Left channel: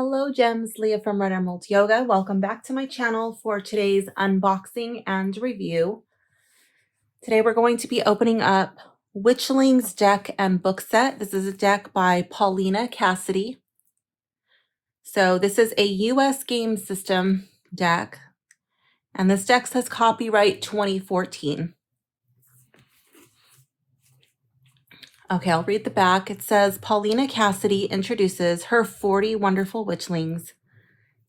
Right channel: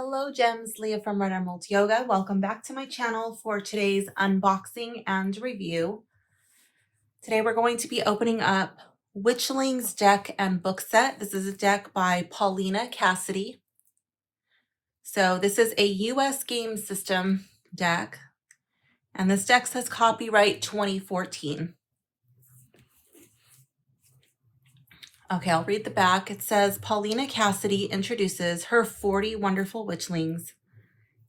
Hello Gems, Leah from Red Emerald Yoga. Welcome back to my channel for today's unboxing and review. Today we're going to be opening up Witchlings deck and book set. This is a deck by Paulina Cassidy. So this is a US game system deck, and this deck says copyright 2014. Okay, I'll read the back. It says Paulina Cassidy introduces her 40 wonderful witchlings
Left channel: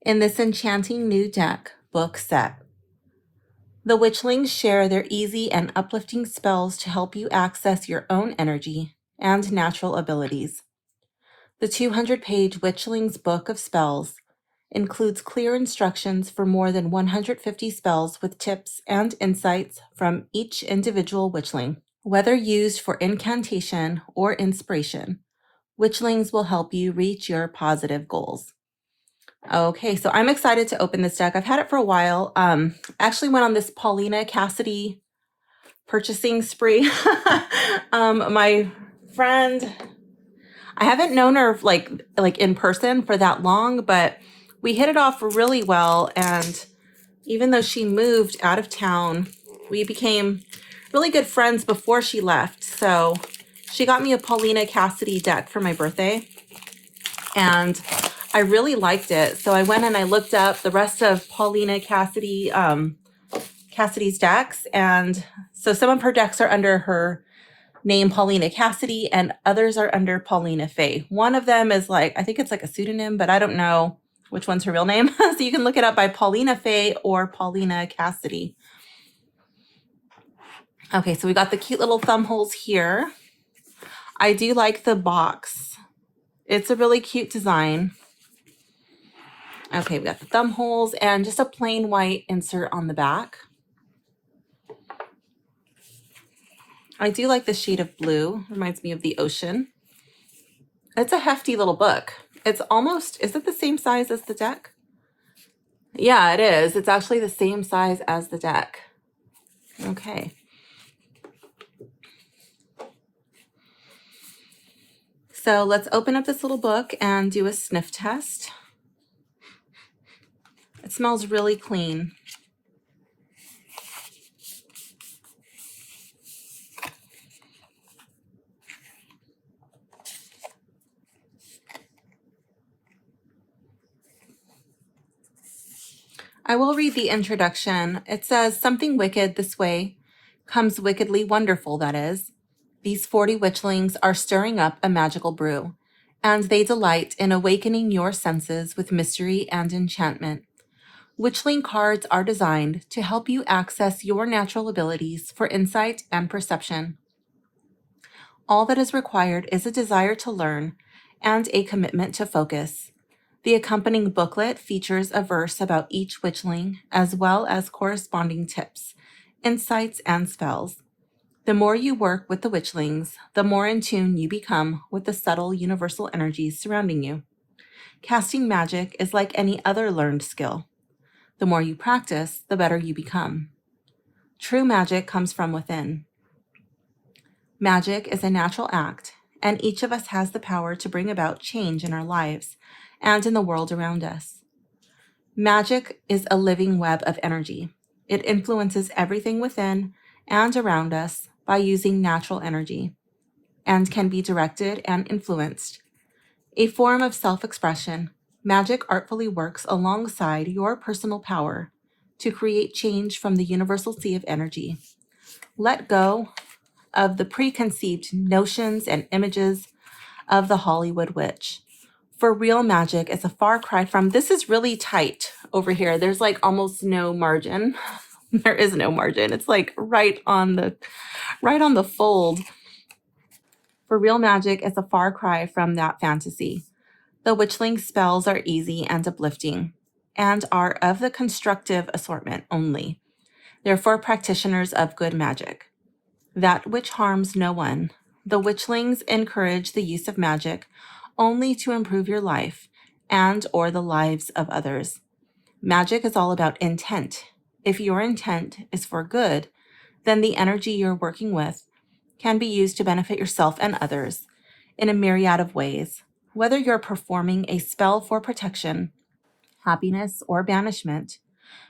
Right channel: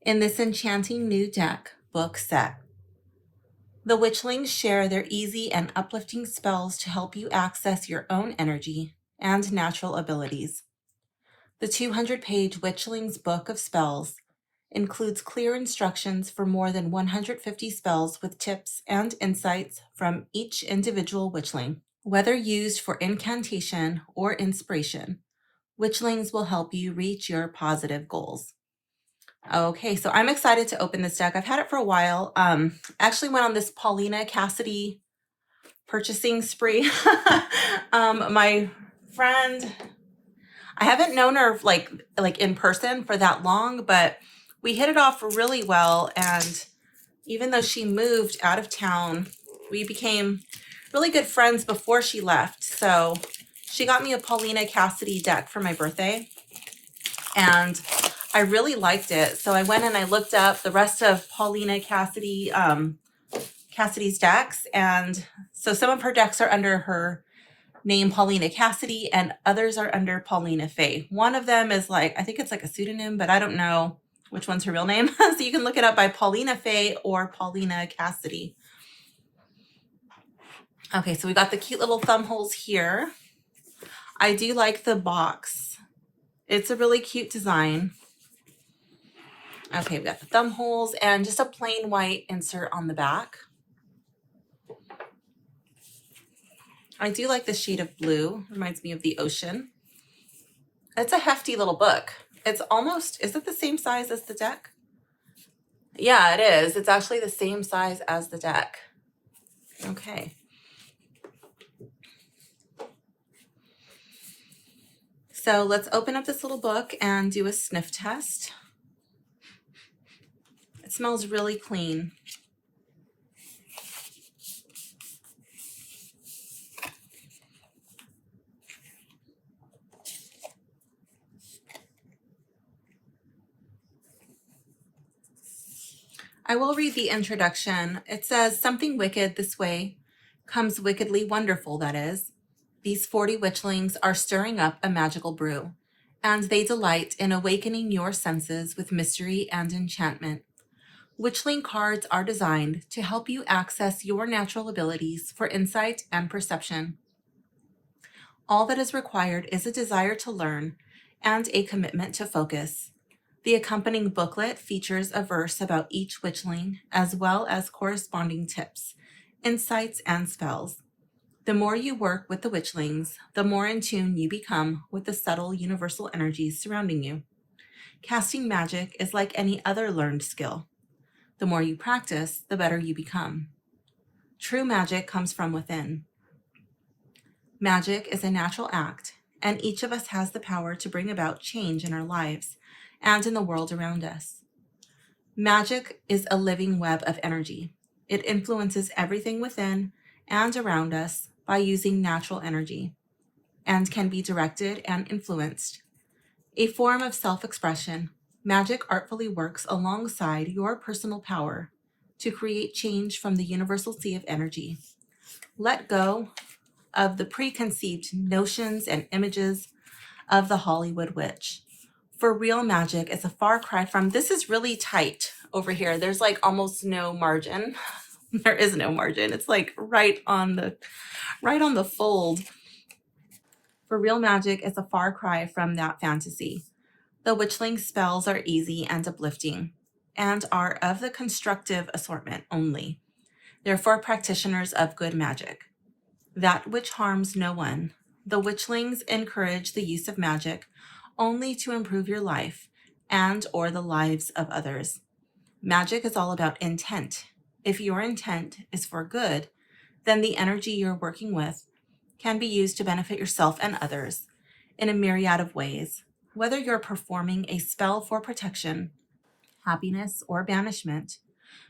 in this enchanting new deck book set. The witchlings share their easy and uplifting spells to help you access your own energy and natural abilities. The 200-page Witchlings Book of Spells includes clear instructions for more than 150 spells with tips and insights from each individual witchling. Whether used for incantation or inspiration, witchlings will help you reach your positive goals. Okay, so I'm excited to open this deck. I've had it for a while. Actually went on this Paulina Cassidy purchasing spree. My friend, I haven't known her like in person for that long, but we hit it off really well. And even though she moved out of town, we became really good friends before she left. So she got me a Paulina Cassidy deck for my birthday, and I really liked it. So I went and I looked up the rest of Paulina Cassidy's decks. And so some of her decks are under her name, Paulina Cassidy, and others are under Paulina Faye. One of them is I think it's like a pseudonym, but I don't know which one's her real name. So you can look it up by Paulina Faye or Paulina Cassidy. Okay, so we got the cute little thumb holes here. I do like the box. It's a really cute design. Okay, we got the thumb holes and just a plain white insert on the back. I do like the shade of blue. Reminds me of the ocean. It's a hefty little book. It's almost, is it the same size as the deck? Yeah, it is. It's actually the same size as the deck. Okay. So let's open up this little book and do a sniff test. It smells really clean. I will read the introduction. It says, something wicked this way comes wickedly wonderful, that is. These 40 witchlings are stirring up a magical brew, and they delight in awakening your senses with mystery and enchantment. Witchling cards are designed to help you access your natural abilities for insight and perception. All that is required is a desire to learn and a commitment to focus. The accompanying booklet features a verse about each witchling, as well as corresponding tips, insights, and spells. The more you work with the witchlings, the more in tune you become with the subtle universal energies surrounding you. Casting magic is like any other learned skill. The more you practice, the better you become. True magic comes from within. Magic is a natural act, and each of us has the power to bring about change in our lives and in the world around us. Magic is a living web of energy. It influences everything within and around us by using natural energy, and can be directed and influenced. A form of self-expression, magic artfully works alongside your personal power to create change from the universal sea of energy. Let go of the preconceived notions and images of the Hollywood witch. For real magic is a far cry from, this is really tight over here. There's like almost no margin. There is no margin. It's like right on the fold. For real magic is a far cry from that fantasy. The witchling spells are easy and uplifting, and are of the constructive assortment only. They're for practitioners of good magic, that which harms no one. The witchlings encourage the use of magic only to improve your life and or the lives of others. Magic is all about intent. If your intent is for good, then the energy you're working with can be used to benefit yourself and others in a myriad of ways. Whether you're performing a spell for protection, happiness, or banishment,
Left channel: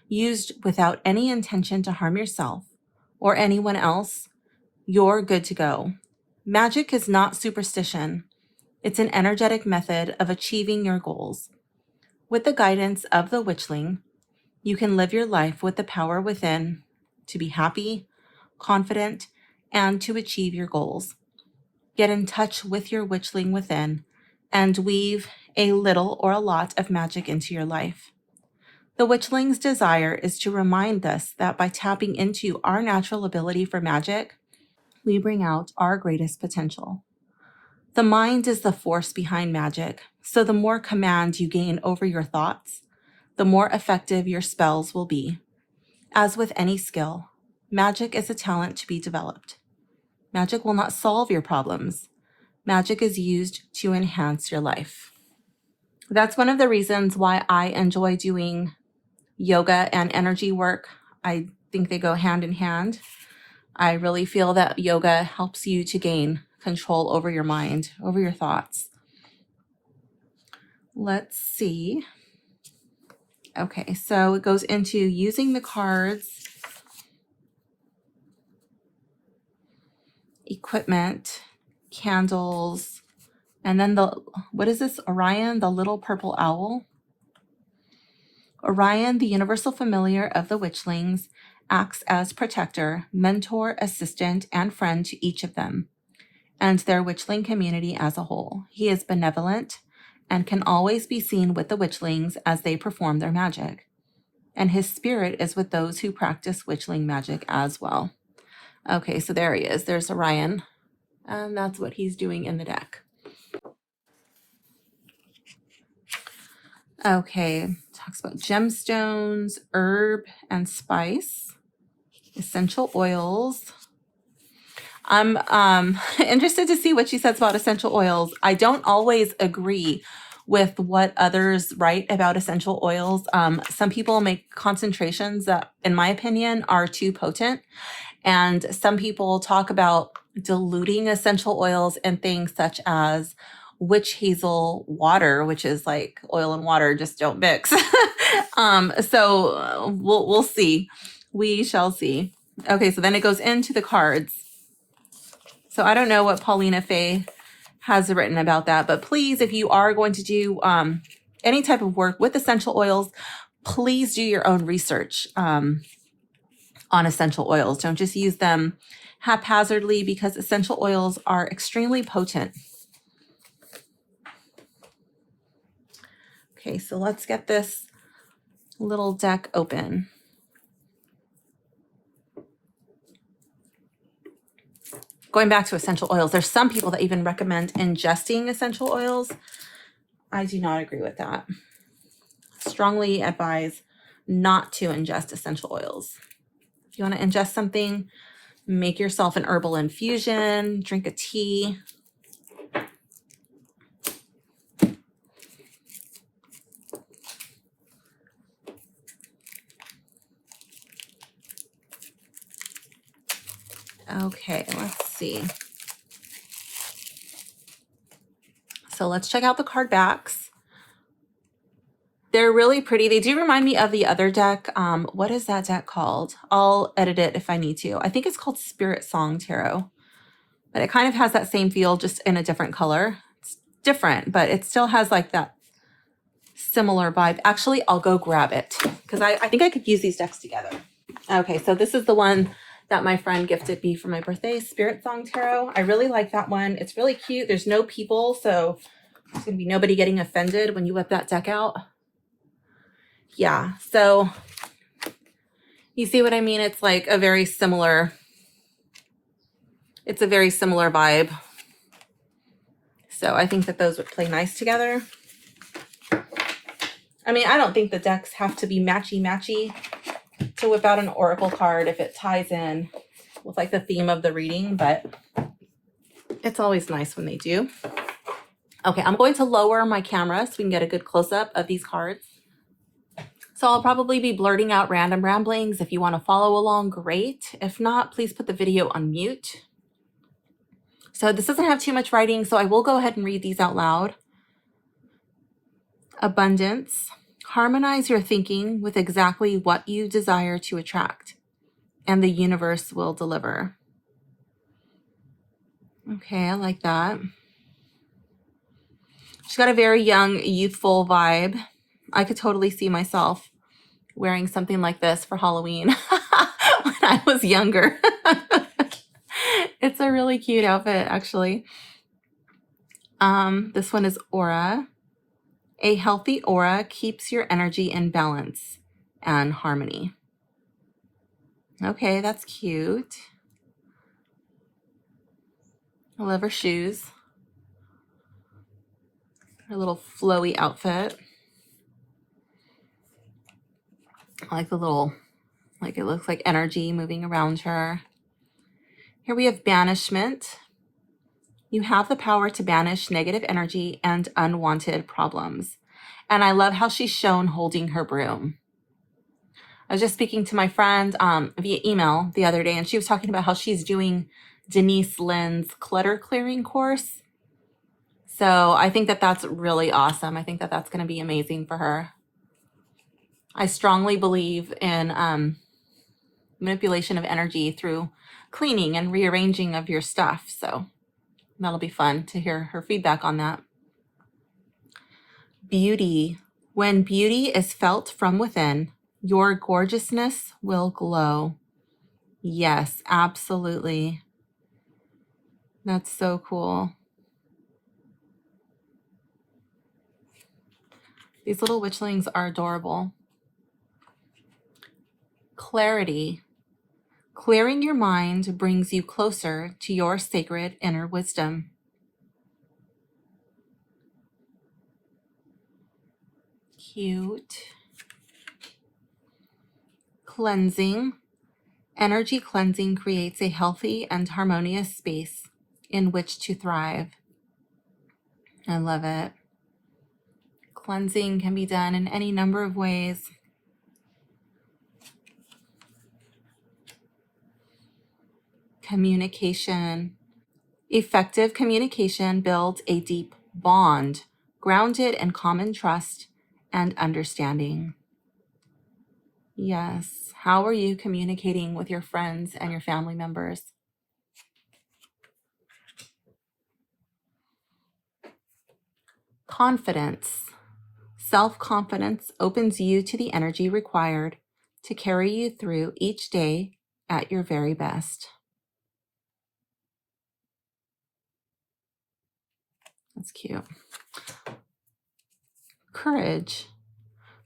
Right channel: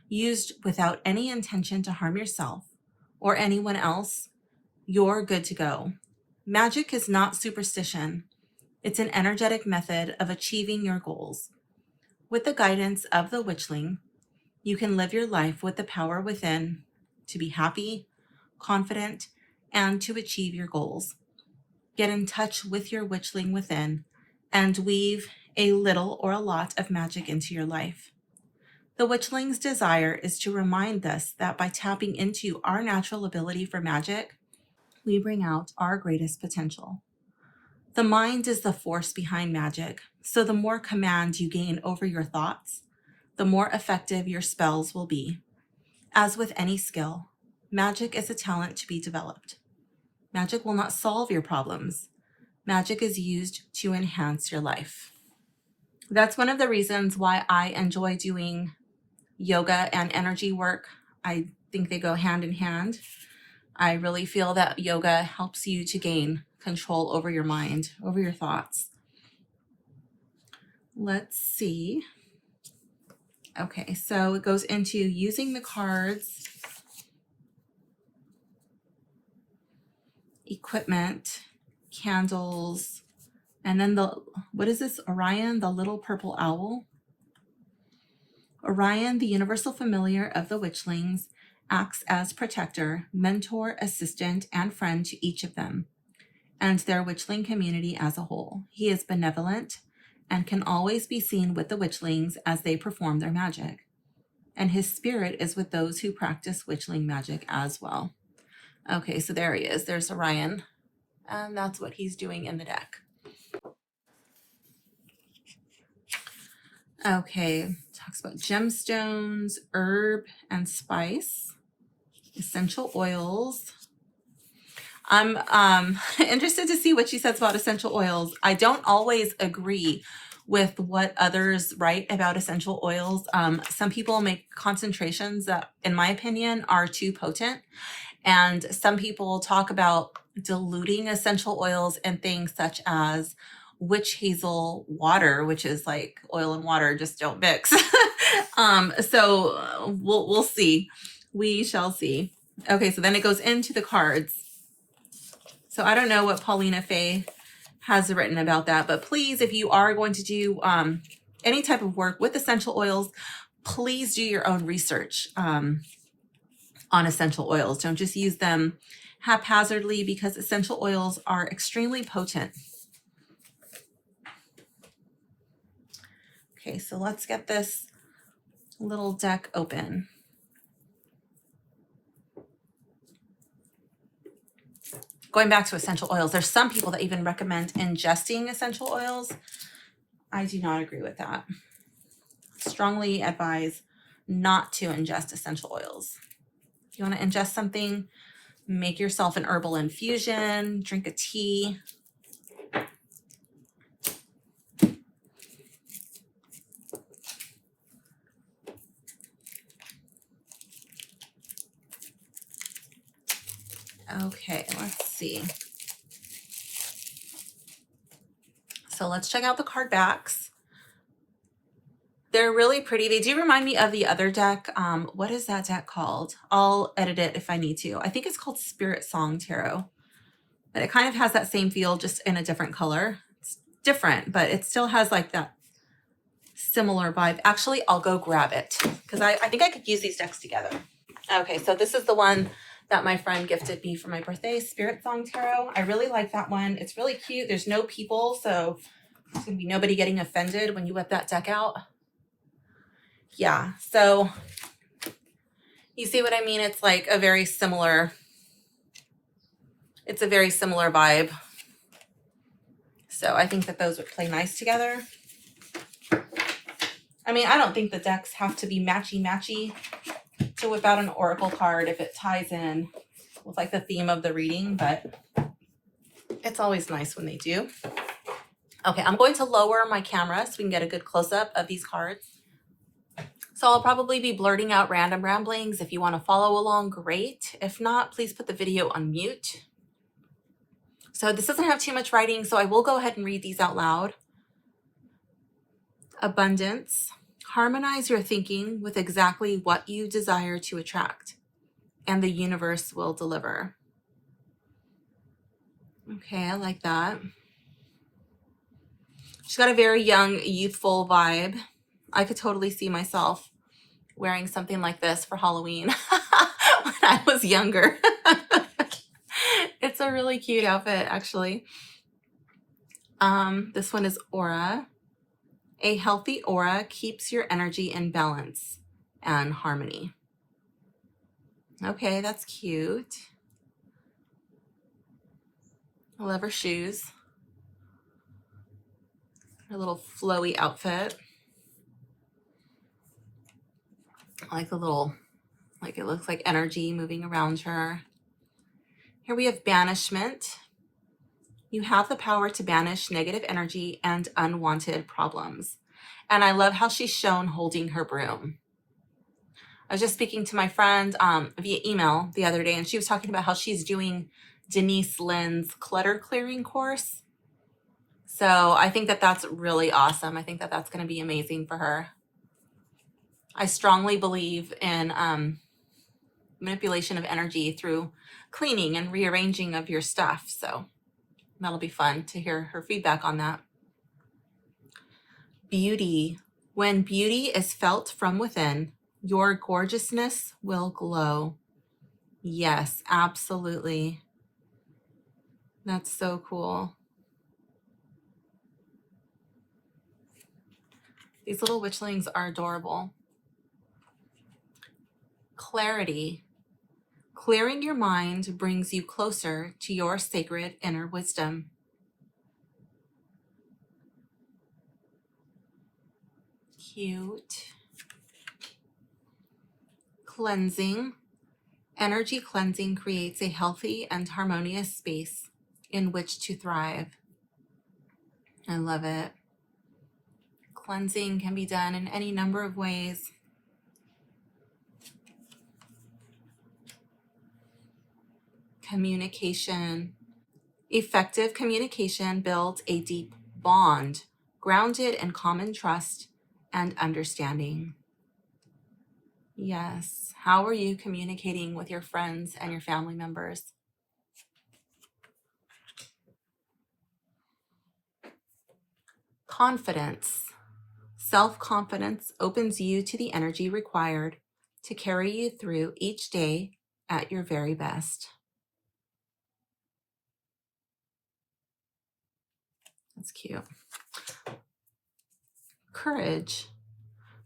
used without any intention to harm yourself or anyone else, you're good to go. Magic is not superstition. It's an energetic method of achieving your goals. With the guidance of the Witchling, you can live your life with the power within to be happy, confident, and to achieve your goals. Get in touch with your Witchling within and weave a little or a lot of magic into your life. The Witchling's desire is to remind us that by tapping into our natural ability for magic, we bring out our greatest potential. The mind is the force behind magic, so the more command you gain over your thoughts, the more effective your spells will be. As with any skill, magic is a talent to be developed. Magic will not solve your problems. Magic is used to enhance your life. That's one of the reasons why I enjoy doing yoga and energy work. I think they go hand in hand. I really feel that yoga helps you to gain control over your mind, over your thoughts. Let's see. Okay, so it goes into using the cards, equipment, candles, and then what is this? Orion, the little purple owl. Orion, the universal familiar of the Witchlings, acts as protector, mentor, assistant, and friend to each of them, and their Witchling community as a whole. He is benevolent and can always be seen with the Witchlings as they perform their magic. And his spirit is with those who practice Witchling magic as well. Okay, so there he is. There's Orion. And that's what he's doing in the deck. Okay, talks about gemstones, herb and spice, essential oils. I'm interested to see what she says about essential oils. I don't always agree with what others write about essential oils. Some people make concentrations that, in my opinion, are too potent. And some people talk about diluting essential oils in things such as witch hazel water, which is like oil and water just don't mix. So we'll see. We shall see. Okay, so then it goes into the cards. So I don't know what Paulina Faye has written about that, but please, if you are going to do any type of work with essential oils, please do your own research on essential oils. Don't just use them haphazardly, because essential oils are extremely potent. Okay, so let's get this little deck open. Going back to essential oils, there's some people that even recommend ingesting essential oils. I do not agree with that. Strongly advise not to ingest essential oils. If you want to ingest something, make yourself an herbal infusion, drink a tea. Okay, let's see. So let's check out the card backs. They're really pretty. They do remind me of the other deck. What is that deck called? I'll edit it if I need to. I think it's called Spirit Song Tarot. But it kind of has that same feel, just in a different color. It's different, but it still has like that similar vibe. Actually, I'll go grab it because I think I could use these decks together. Okay, so this is the one that my friend gifted me for my birthday, Spirit Song Tarot. I really like that one. It's really cute. There's no people, so there's going to be nobody getting offended when you whip that deck out. Yeah, so you see what I mean? It's like a very similar, it's a very similar vibe. So I think that those would play nice together. I mean, I don't think the decks have to be matchy-matchy to whip out an oracle card if it ties in with like the theme of the reading, but it's always nice when they do. Okay, I'm going to lower my camera so we can get a good close-up of these cards. So I'll probably be blurting out random ramblings. If you want to follow along, great. If not, please put the video on mute. So this doesn't have too much writing, so I will go ahead and read these out loud. Abundance. Harmonize your thinking with exactly what you desire to attract, and the universe will deliver. Okay, I like that. She's got a very young, youthful vibe. I could totally see myself wearing something like this for Halloween when I was younger. It's a really cute outfit, actually. This one is aura. A healthy aura keeps your energy in balance and harmony. Okay, that's cute. I love her shoes. Her little flowy outfit. I like the little, like it looks like energy moving around her. Here we have banishment. You have the power to banish negative energy and unwanted problems. And I love how she's shown holding her broom. I was just speaking to my friend via email the other day, and she was talking about how she's doing Denise Lynn's clutter clearing course. So I think that that's really awesome. I think that that's going to be amazing for her. I strongly believe in manipulation of energy through cleaning and rearranging of your stuff. So that'll be fun to hear her feedback on that. Beauty. When beauty is felt from within, your gorgeousness will glow. Yes, absolutely. That's so cool. These little witchlings are adorable. Clarity. Clearing your mind brings you closer to your sacred inner wisdom. Cute. Cleansing. Energy cleansing creates a healthy and harmonious space in which to thrive. I love it. Cleansing can be done in any number of ways. Communication. Effective communication builds a deep bond, grounded in common trust and understanding. Yes. How are you communicating with your friends and your family members? Confidence. Self-confidence opens you to the energy required to carry you through each day at your very best. That's cute. Courage.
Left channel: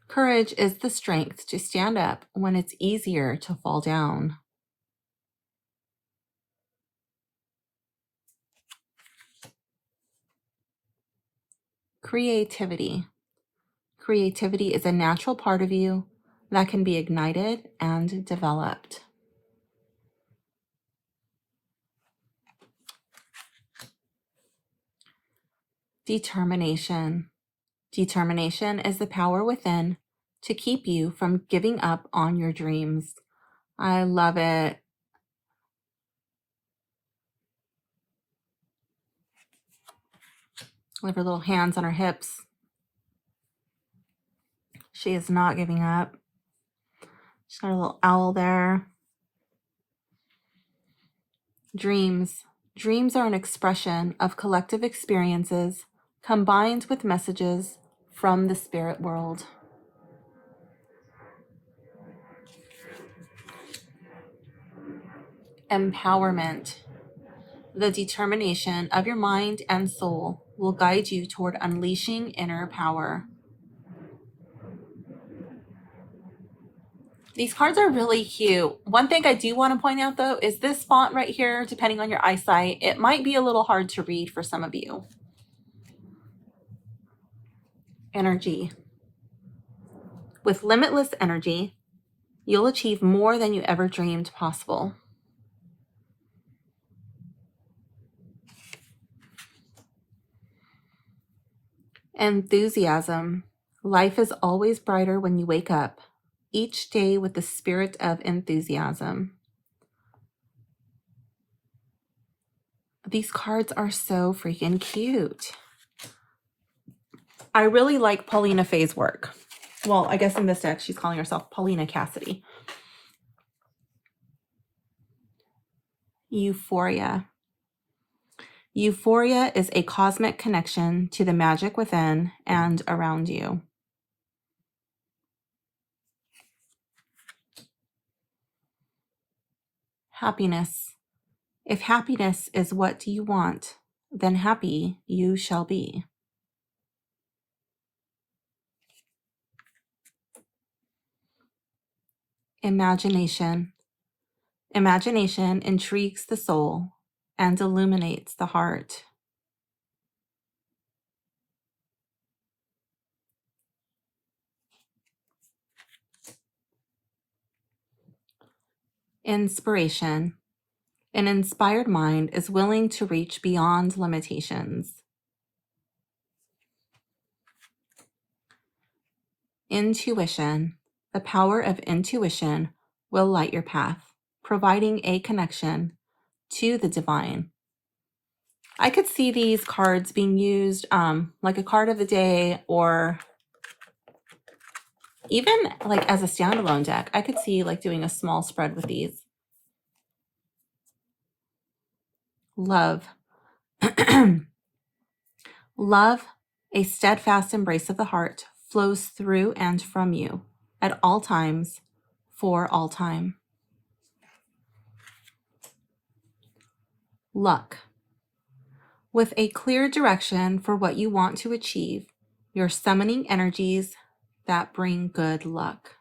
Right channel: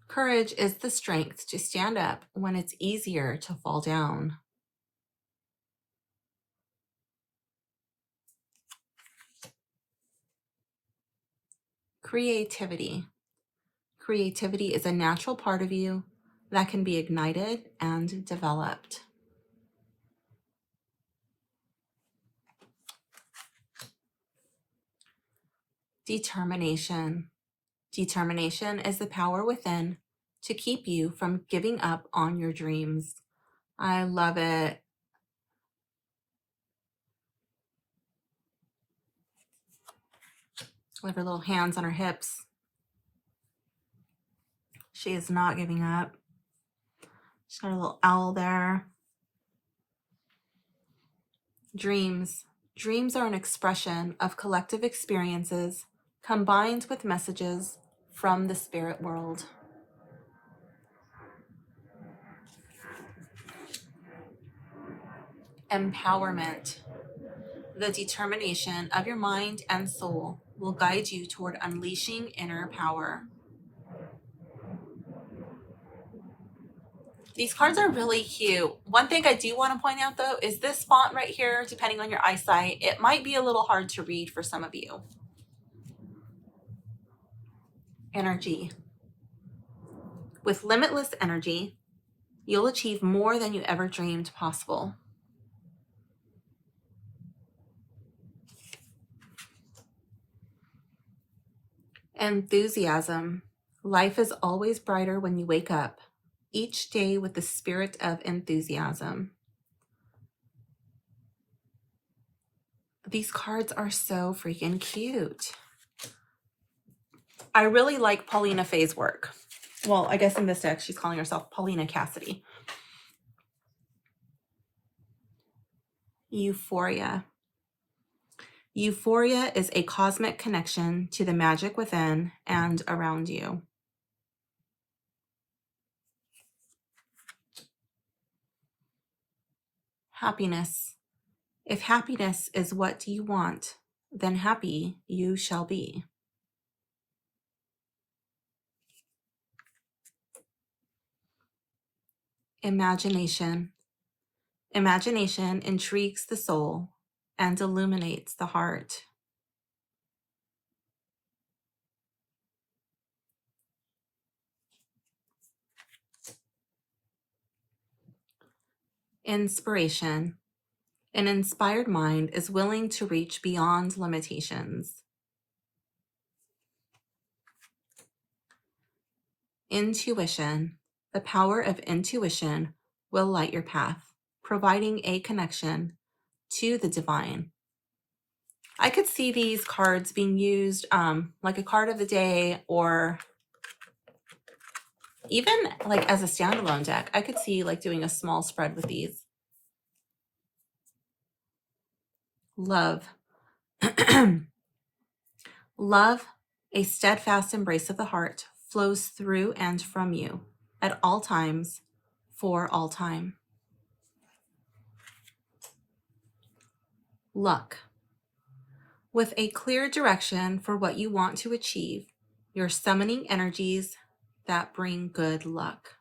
Courage is the strength to stand up when it's easier to fall down. Creativity. Creativity is a natural part of you that can be ignited and developed. Determination. Determination is the power within to keep you from giving up on your dreams. I love it. With her little hands on her hips. She is not giving up. She's got a little owl there. Dreams. Dreams are an expression of collective experiences combined with messages from the spirit world. Empowerment. The determination of your mind and soul will guide you toward unleashing inner power. These cards are really cute. One thing I do want to point out, though, is this font right here, depending on your eyesight, it might be a little hard to read for some of you. Energy. With limitless energy, you'll achieve more than you ever dreamed possible. Enthusiasm. Life is always brighter when you wake up, each day with the spirit of enthusiasm. These cards are so freaking cute. I really like Paulina Faye's work. Well, I guess in this deck, she's calling herself Paulina Cassidy. Euphoria. Euphoria is a cosmic connection to the magic within and around you. Happiness. If happiness is what you want, then happy you shall be. Imagination. Imagination intrigues the soul and illuminates the heart. Inspiration. An inspired mind is willing to reach beyond limitations. Intuition. The power of intuition will light your path, providing a connection to the divine. I could see these cards being used like a card of the day, or even like as a standalone deck. I could see like doing a small spread with these. Love. Love, a steadfast embrace of the heart, flows through and from you at all times, for all time. Luck. With a clear direction for what you want to achieve, you're summoning energies that bring good luck.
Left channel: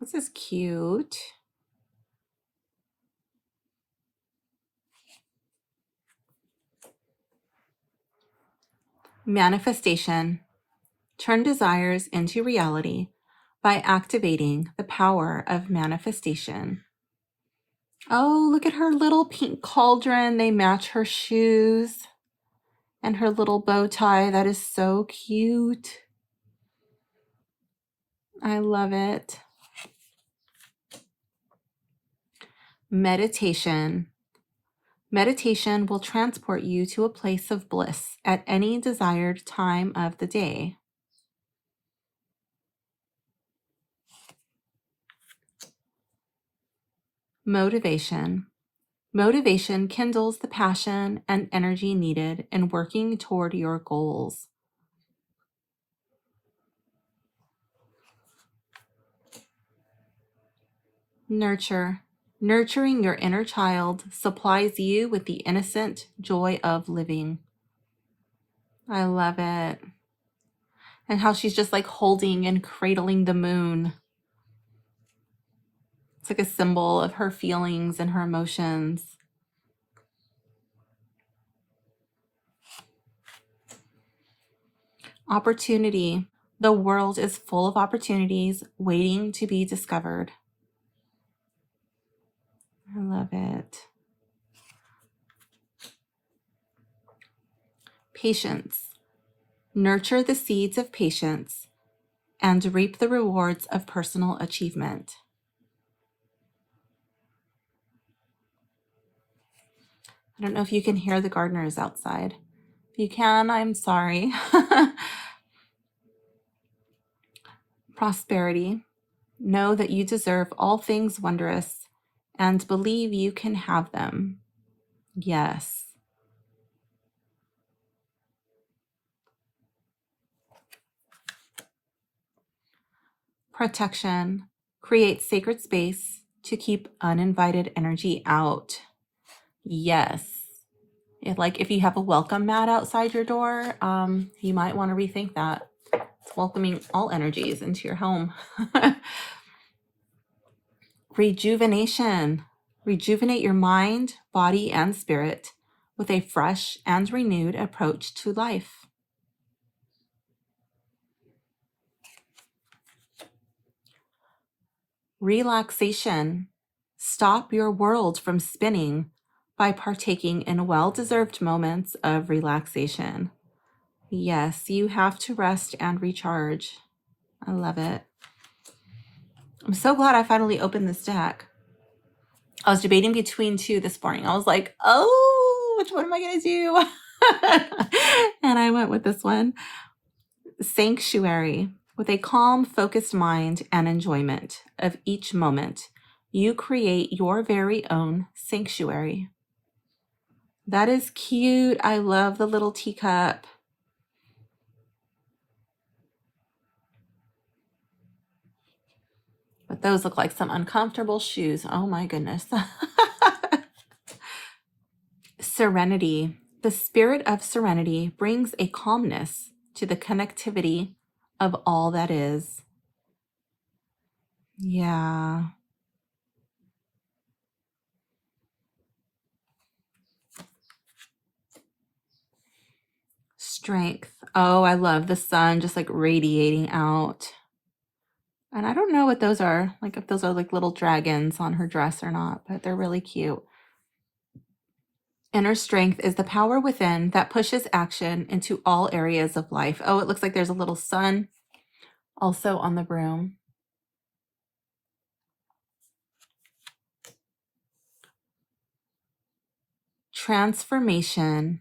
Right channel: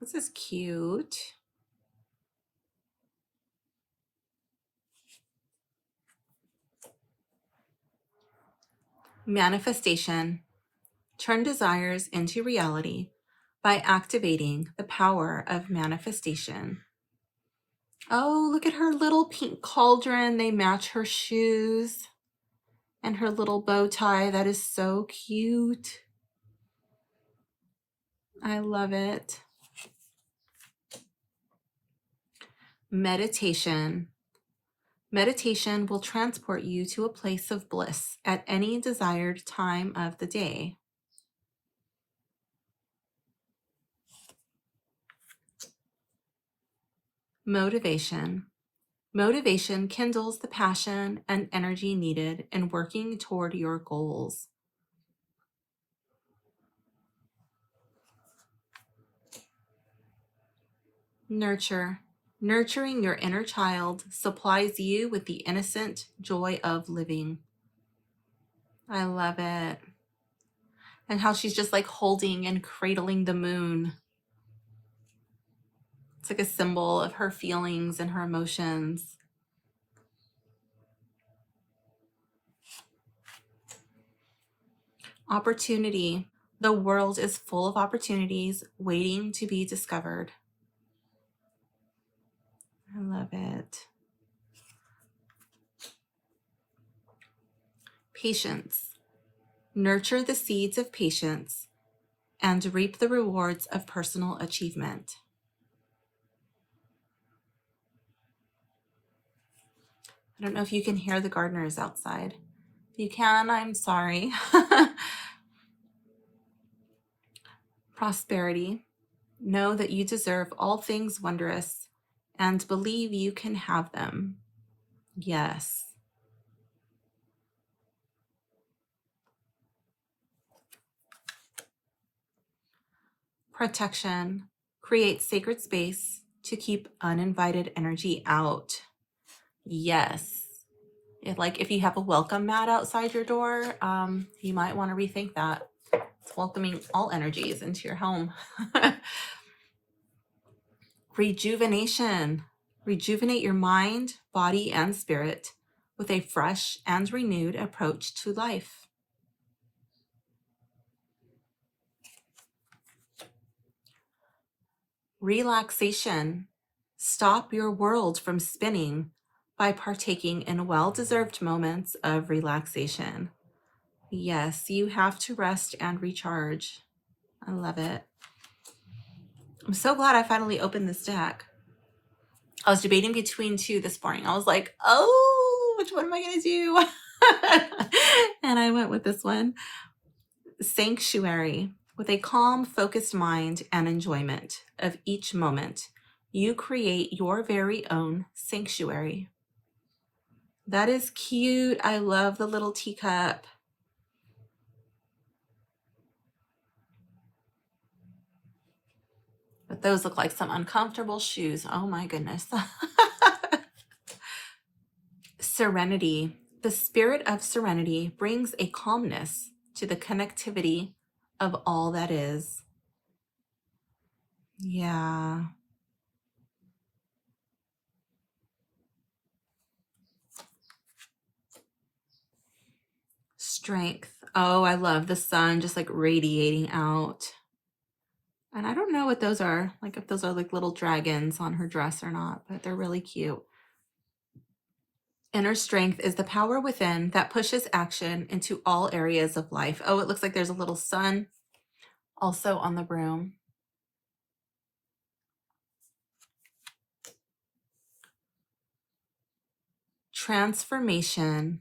This is cute. Manifestation. Turn desires into reality by activating the power of manifestation. Oh, look at her little pink cauldron. They match her shoes and her little bow tie. That is so cute. I love it. Meditation. Meditation will transport you to a place of bliss at any desired time of the day. Motivation. Motivation kindles the passion and energy needed in working toward your goals. Nurture. Nurturing your inner child supplies you with the innocent joy of living. I love it. And how she's just like holding and cradling the moon. It's like a symbol of her feelings and her emotions. Opportunity. The world is full of opportunities waiting to be discovered. I love it. Patience. Nurture the seeds of patience and reap the rewards of personal achievement. I don't know if you can hear the gardeners outside. If you can, I'm sorry. Prosperity. Know that you deserve all things wondrous and believe you can have them. Yes. Protection. Create sacred space to keep uninvited energy out. Yes. If you have a welcome mat outside your door, you might want to rethink that. It's welcoming all energies into your home. Rejuvenation. Rejuvenate your mind, body, and spirit with a fresh and renewed approach to life. Relaxation. Stop your world from spinning by partaking in well-deserved moments of relaxation. Yes, you have to rest and recharge. I love it. I'm so glad I finally opened this deck. I was debating between two this morning. I was like, oh, which one am I going to do? And I went with this one. Sanctuary. With a calm, focused mind and enjoyment of each moment, you create your very own sanctuary. That is cute. I love the little teacup. But those look like some uncomfortable shoes. Oh my goodness. Serenity. The spirit of serenity brings a calmness to the connectivity of all that is. Yeah. Strength. Oh, I love the sun just like radiating out. And I don't know what those are, like if those are like little dragons on her dress or not, but they're really cute. Inner strength is the power within that pushes action into all areas of life. Oh, it looks like there's a little sun also on the broom. Transformation.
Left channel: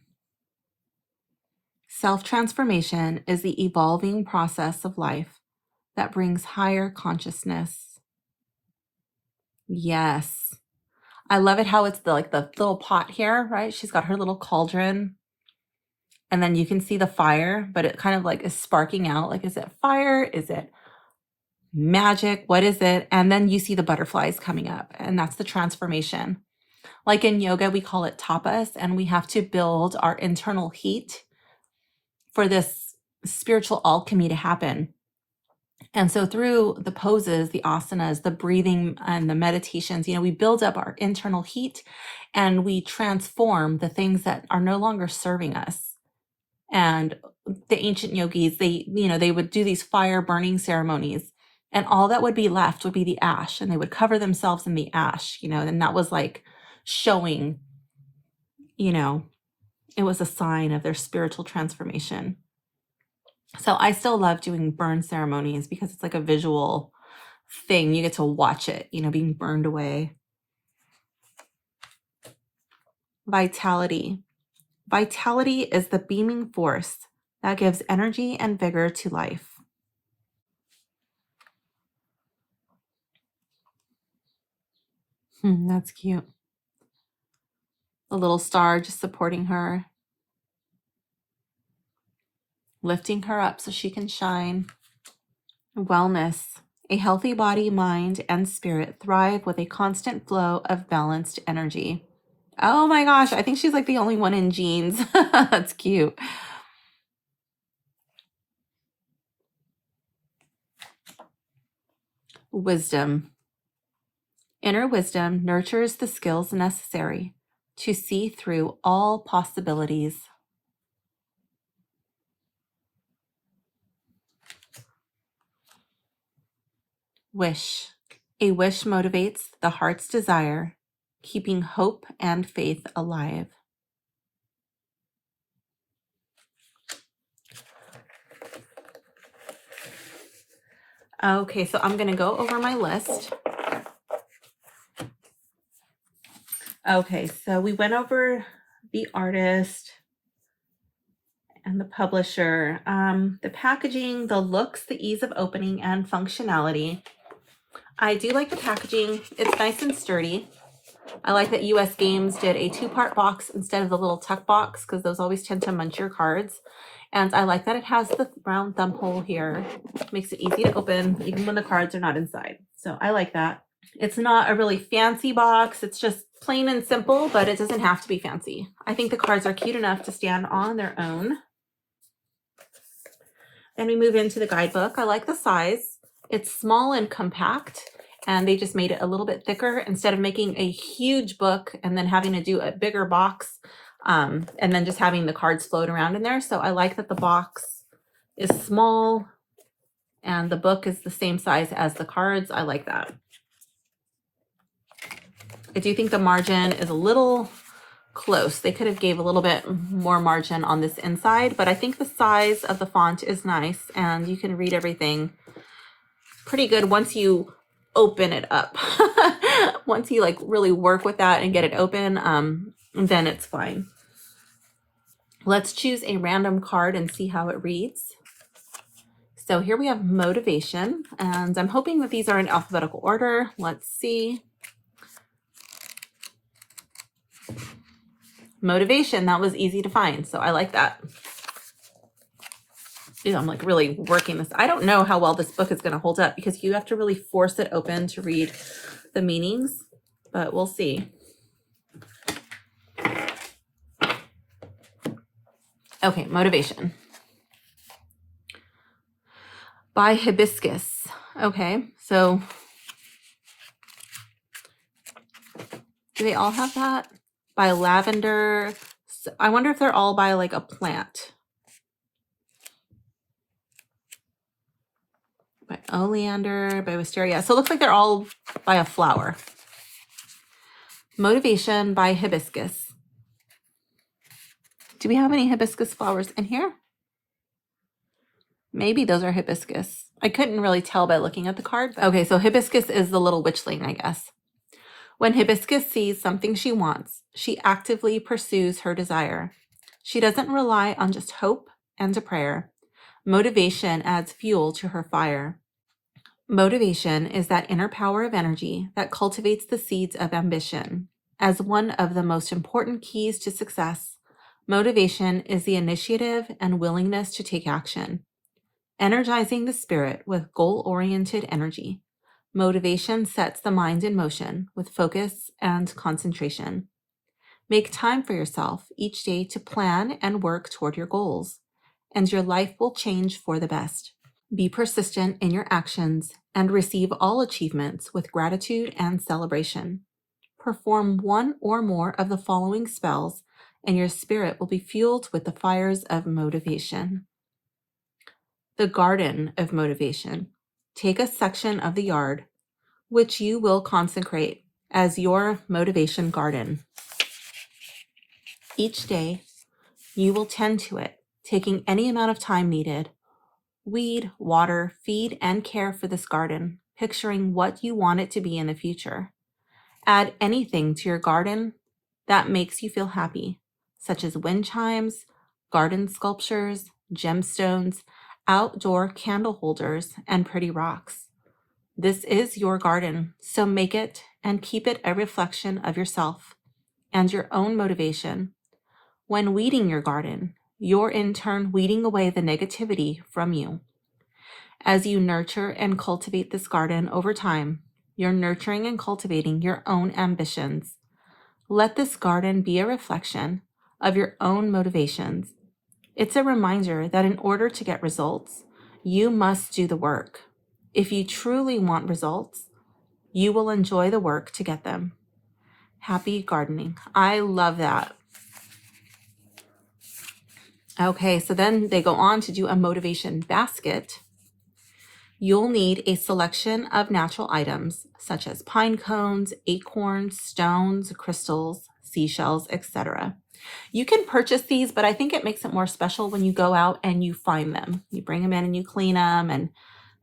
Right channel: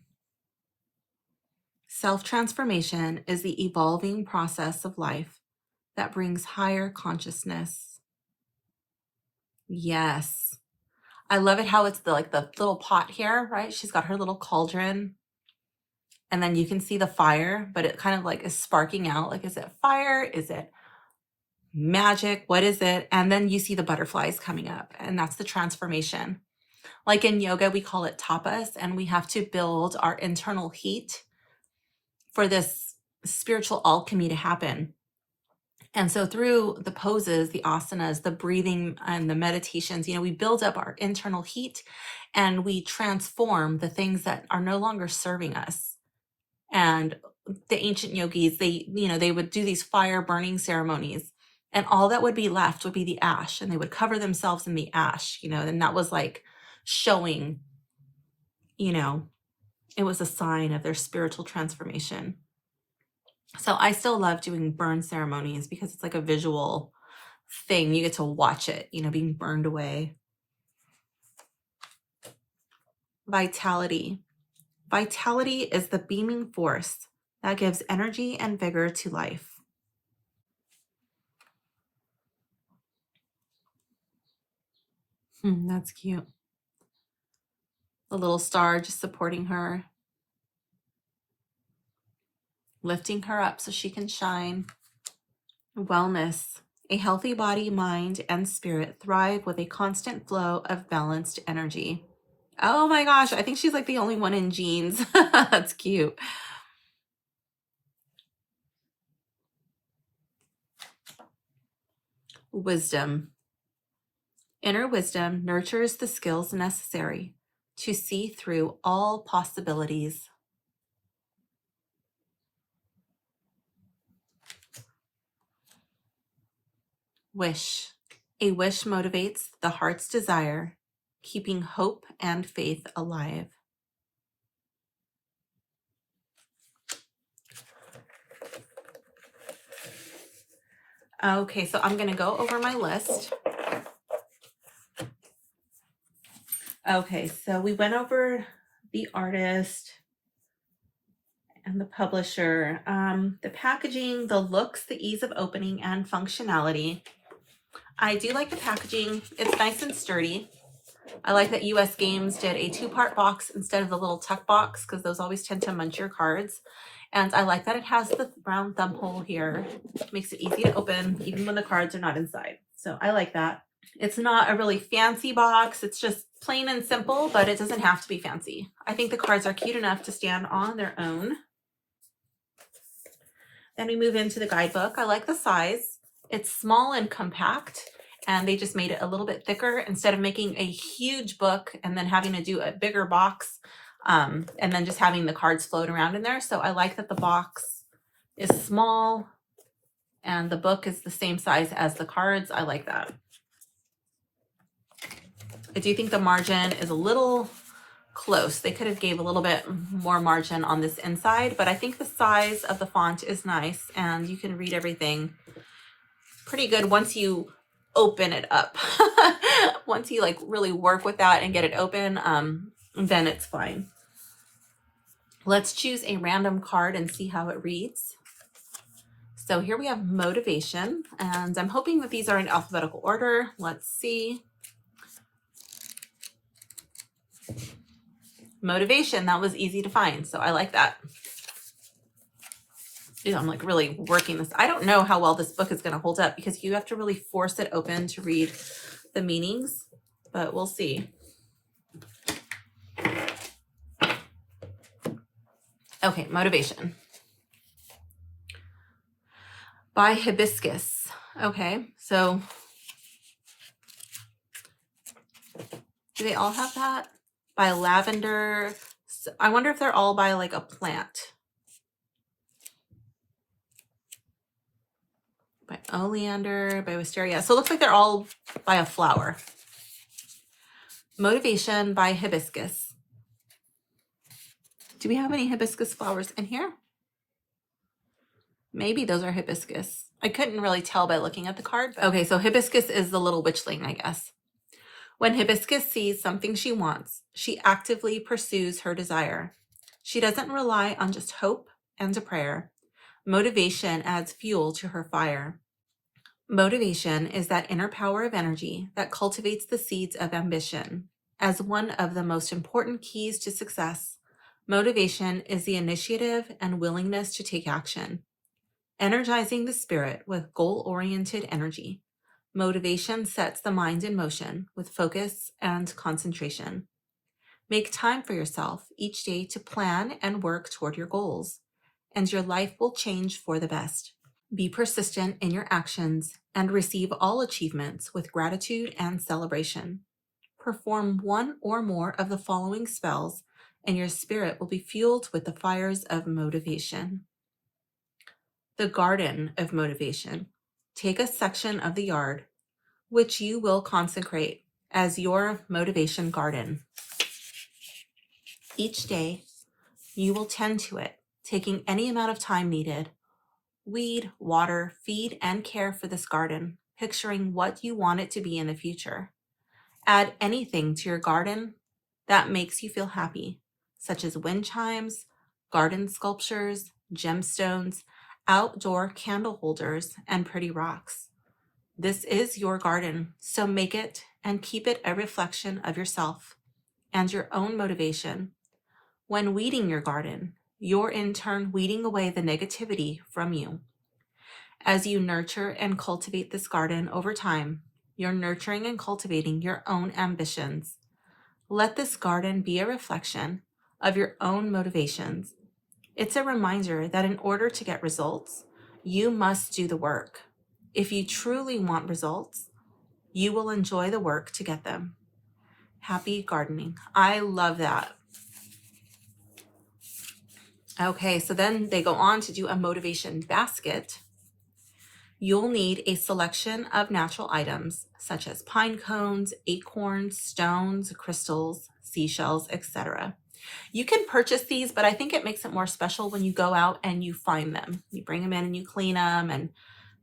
Self-transformation is the evolving process of life that brings higher consciousness. Yes. I love it how it's like the little pot here, right? She's got her little cauldron. And then you can see the fire, but it kind of like is sparking out. Like, is it fire? Is it magic? What is it? And then you see the butterflies coming up, and that's the transformation. Like in yoga, we call it tapas, and we have to build our internal heat for this spiritual alchemy to happen. And so through the poses, the asanas, the breathing, and the meditations, we build up our internal heat and we transform the things that are no longer serving us. And the ancient yogis, they would do these fire burning ceremonies, and all that would be left would be the ash, and they would cover themselves in the ash, and that was like showing, it was a sign of their spiritual transformation. So I still love doing burn ceremonies because it's like a visual thing. You get to watch it, being burned away. Vitality. Vitality is the beaming force that gives energy and vigor to life. That's cute. The little star just supporting her, lifting her up so she can shine. Wellness. A healthy body, mind, and spirit thrive with a constant flow of balanced energy. Oh my gosh, I think she's like the only one in jeans. That's cute. Wisdom. Inner wisdom nurtures the skills necessary to see through all possibilities. Wish. A wish motivates the heart's desire, keeping hope and faith alive. Okay, so I'm going to go over my list. Okay, so we went over the artist and the publisher, the packaging, the looks, the ease of opening, and functionality. I do like the packaging. It's nice and sturdy. I like that US Games did a 2-part box instead of the little tuck box, because those always tend to munch your cards. And I like that it has the round thumb hole here. Makes it easy to open even when the cards are not inside. So I like that. It's not a really fancy box. It's just plain and simple, but it doesn't have to be fancy. I think the cards are cute enough to stand on their own. Then we move into the guidebook. I like the size. It's small and compact, and they just made it a little bit thicker instead of making a huge book and then having to do a bigger box, and then just having the cards float around in there. So I like that the box is small and the book is the same size as the cards. I like that. I do think the margin is a little close. They could have gave a little bit more margin on this inside, but I think the size of the font is nice and you can read everything pretty good once you open it up. Once you like really work with that and get it open, then it's fine. Let's choose a random card and see how it reads. So here we have motivation, and I'm hoping that these are in alphabetical order. Let's see. Motivation, that was easy to find, so I like that. Yeah, I'm like really working this. I don't know how well this book is going to hold up because you have to really force it open to read the meanings, but we'll see. Okay, motivation. By hibiscus. Okay, so do they all have that? By lavender. So I wonder if they're all by like a plant. By oleander, by wisteria. So it looks like they're all by a flower. Motivation by hibiscus. Do we have any hibiscus flowers in here? Maybe those are hibiscus. I couldn't really tell by looking at the card. Okay, so hibiscus is the little witchling, I guess. When hibiscus sees something she wants, she actively pursues her desire. She doesn't rely on just hope and a prayer. Motivation adds fuel to her fire. Motivation is that inner power of energy that cultivates the seeds of ambition. As one of the most important keys to success, motivation is the initiative and willingness to take action. Energizing the spirit with goal-oriented energy. Motivation sets the mind in motion with focus and concentration. Make time for yourself each day to plan and work toward your goals, and your life will change for the best. Be persistent in your actions and receive all achievements with gratitude and celebration. Perform one or more of the following spells, and your spirit will be fueled with the fires of motivation. The garden of motivation. Take a section of the yard, which you will consecrate as your motivation garden. Each day, you will tend to it, taking any amount of time needed. Weed, water, feed, and care for this garden, picturing what you want it to be in the future. Add anything to your garden that makes you feel happy, such as wind chimes, garden sculptures, gemstones, outdoor candle holders, and pretty rocks. This is your garden, so make it and keep it a reflection of yourself and your own motivation. When weeding your garden, you're in turn weeding away the negativity from you. As you nurture and cultivate this garden over time, you're nurturing and cultivating your own ambitions. Let this garden be a reflection of your own motivations. It's a reminder that in order to get results, you must do the work. If you truly want results, you will enjoy the work to get them. Happy gardening. I love that. Okay, so then they go on to do a motivation basket. You'll need a selection of natural items such as pine cones, acorns, stones, crystals, seashells, etc. You can purchase these, but I think it makes it more special when you go out and you find them. You bring them in and you clean them and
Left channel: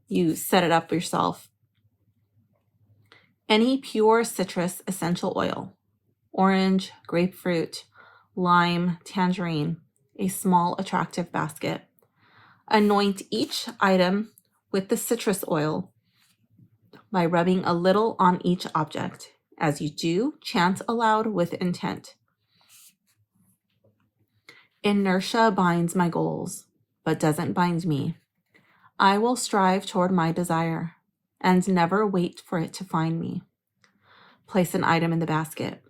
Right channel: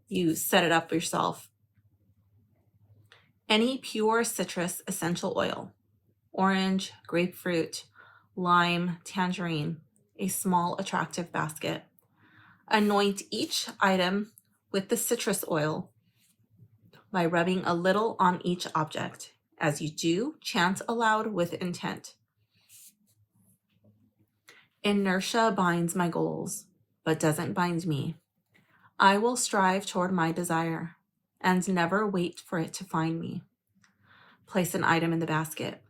you set it up yourself. Any pure citrus essential oil, orange, grapefruit, lime, tangerine, a small attractive basket. Anoint each item with the citrus oil by rubbing a little on each object. As you do, chant aloud with intent. Inertia binds my goals, but doesn't bind me. I will strive toward my desire and never wait for it to find me. Place an item in the basket.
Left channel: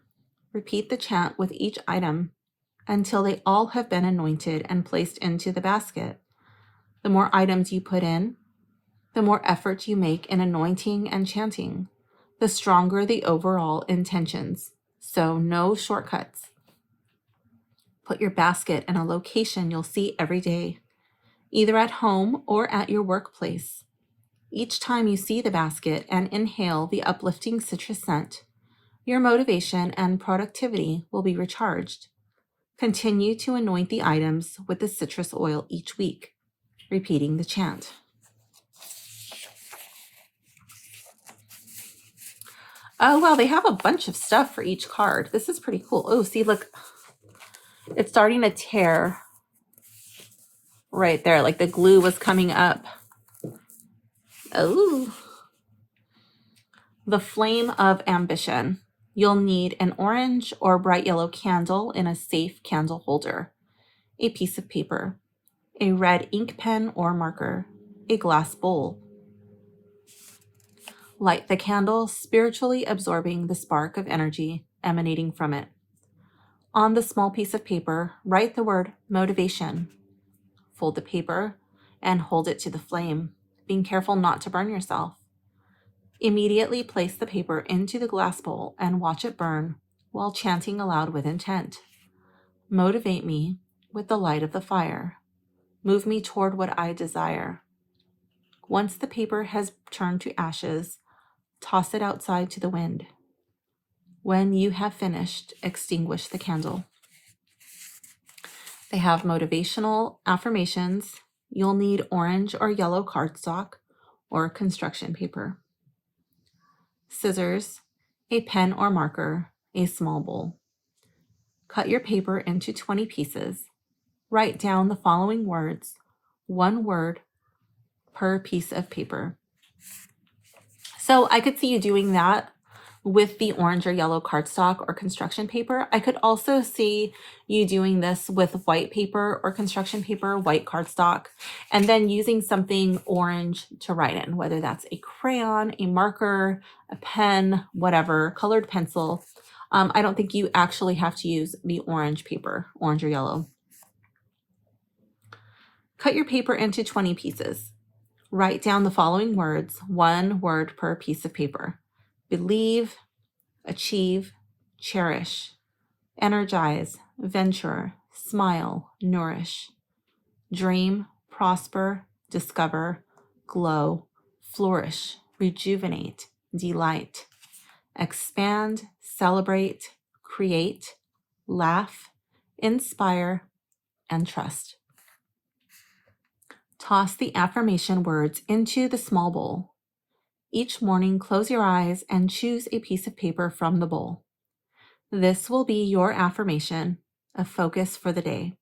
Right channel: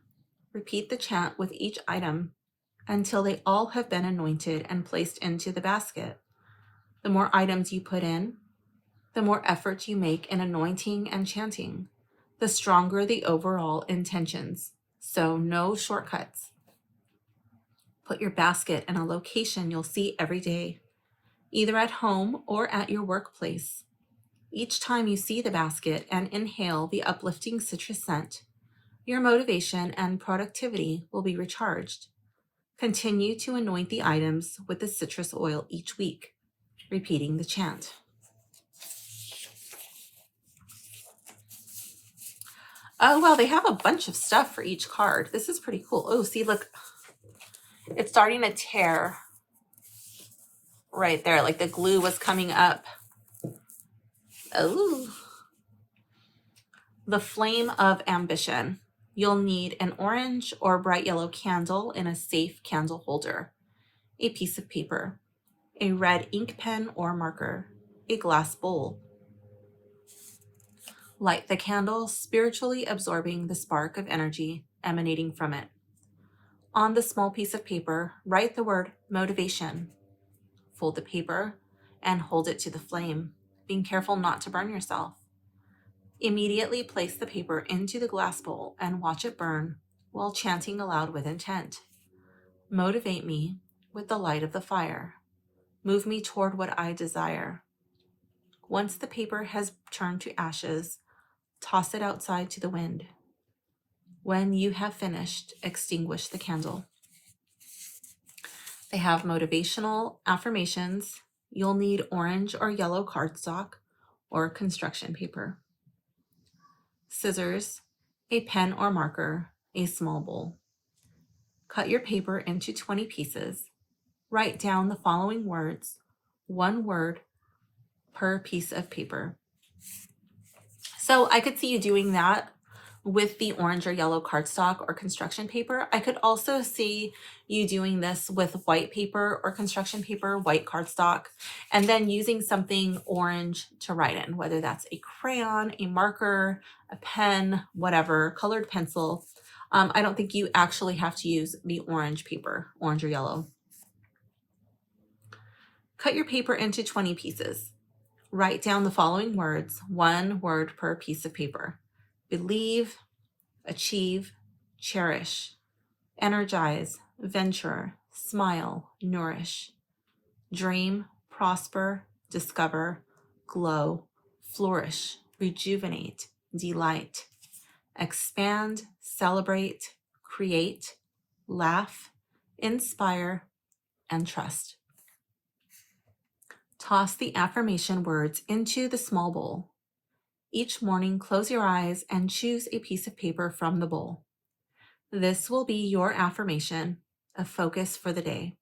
Repeat the chant with each item until they all have been anointed and placed into the basket. The more items you put in, the more effort you make in anointing and chanting, the stronger the overall intentions. So no shortcuts. Put your basket in a location you'll see every day, either at home or at your workplace. Each time you see the basket and inhale the uplifting citrus scent, your motivation and productivity will be recharged. Continue to anoint the items with the citrus oil each week, repeating the chant. Oh, well, they have a bunch of stuff for each card. This is pretty cool. Oh, see, look, it's starting to tear right there, like the glue was coming up. Oh, the flame of ambition. You'll need an orange or bright yellow candle in a safe candle holder, a piece of paper, a red ink pen or marker, a glass bowl. Light the candle, spiritually absorbing the spark of energy emanating from it. On the small piece of paper, write the word motivation. Fold the paper and hold it to the flame, being careful not to burn yourself. Immediately place the paper into the glass bowl and watch it burn while chanting aloud with intent. Motivate me with the light of the fire. Move me toward what I desire. Once the paper has turned to ashes, toss it outside to the wind. When you have finished, extinguish the candle. They have motivational affirmations. You'll need orange or yellow cardstock or construction paper, scissors, a pen or marker, a small bowl. Cut your paper into 20 pieces. Write down the following words, one word per piece of paper. So I could see you doing that with the orange or yellow cardstock or construction paper. I could also see you doing this with white paper or construction paper, white cardstock, and then using something orange to write in, whether that's a crayon, a marker, a pen, whatever, colored pencil. I don't think you actually have to use the orange paper, orange or yellow. Cut your paper into 20 pieces. Write down the following words, one word per piece of paper. Believe, achieve, cherish, energize, venture, smile, nourish, dream, prosper, discover, glow, flourish, rejuvenate, delight, expand, celebrate, create, laugh, inspire, and trust. Toss the affirmation words into the small bowl. Each morning, close your eyes and choose a piece of paper from the bowl. This will be your affirmation, a focus for the day.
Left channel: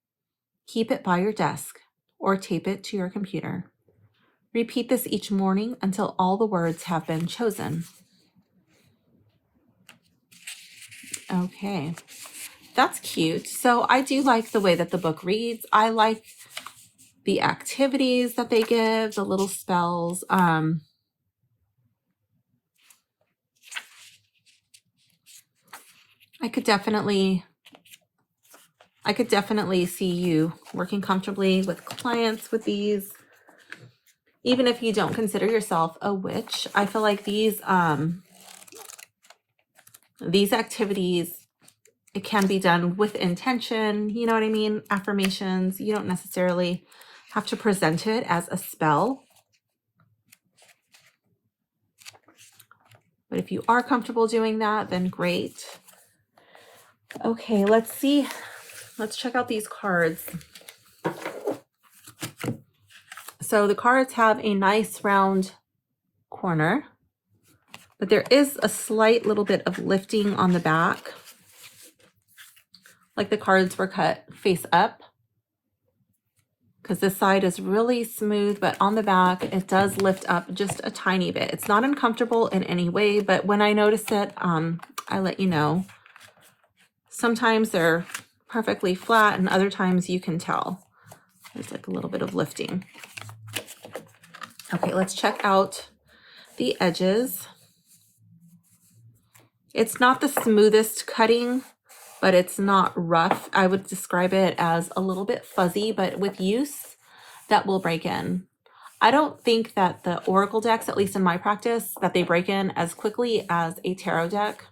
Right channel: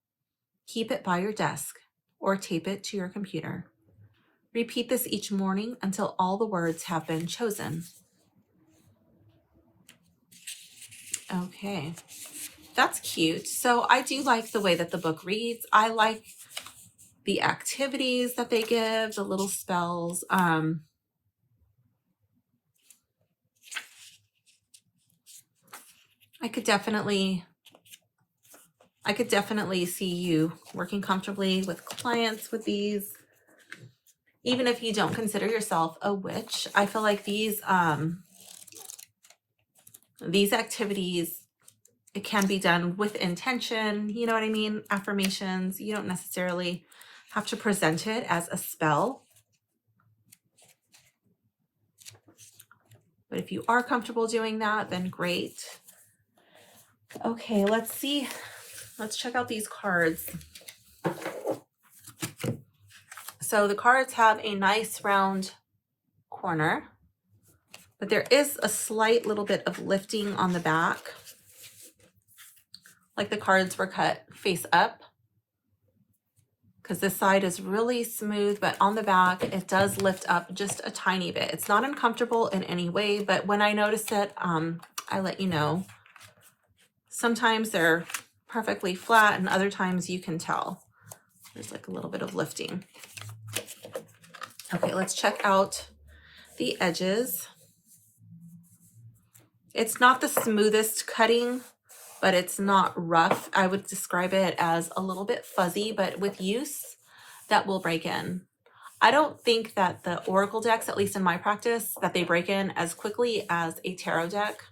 Keep it by your desk or tape it to your computer. Repeat this each morning until all the words have been chosen. Okay, that's cute. So I do like the way that the book reads. I like the activities that they give, the little spells. I could definitely see you working comfortably with clients with these. Even if you don't consider yourself a witch, I feel like these activities, it can be done with intention. You know what I mean? Affirmations. You don't necessarily have to present it as a spell. But if you are comfortable doing that, then great. Okay, let's see. Let's check out these cards. So the cards have a nice round corner, but there is a slight little bit of lifting on the back, like the cards were cut face up, because this side is really smooth, but on the back it does lift up just a tiny bit. It's not uncomfortable in any way, but when I notice it, I let you know. Sometimes they're perfectly flat and other times you can tell there's like a little bit of lifting. Okay, let's check out the edges. It's not the smoothest cutting, but it's not rough. I would describe it as a little bit fuzzy, but with use, that will break in. I don't think that the oracle decks, at least in my practice, that they break in as quickly as a tarot deck.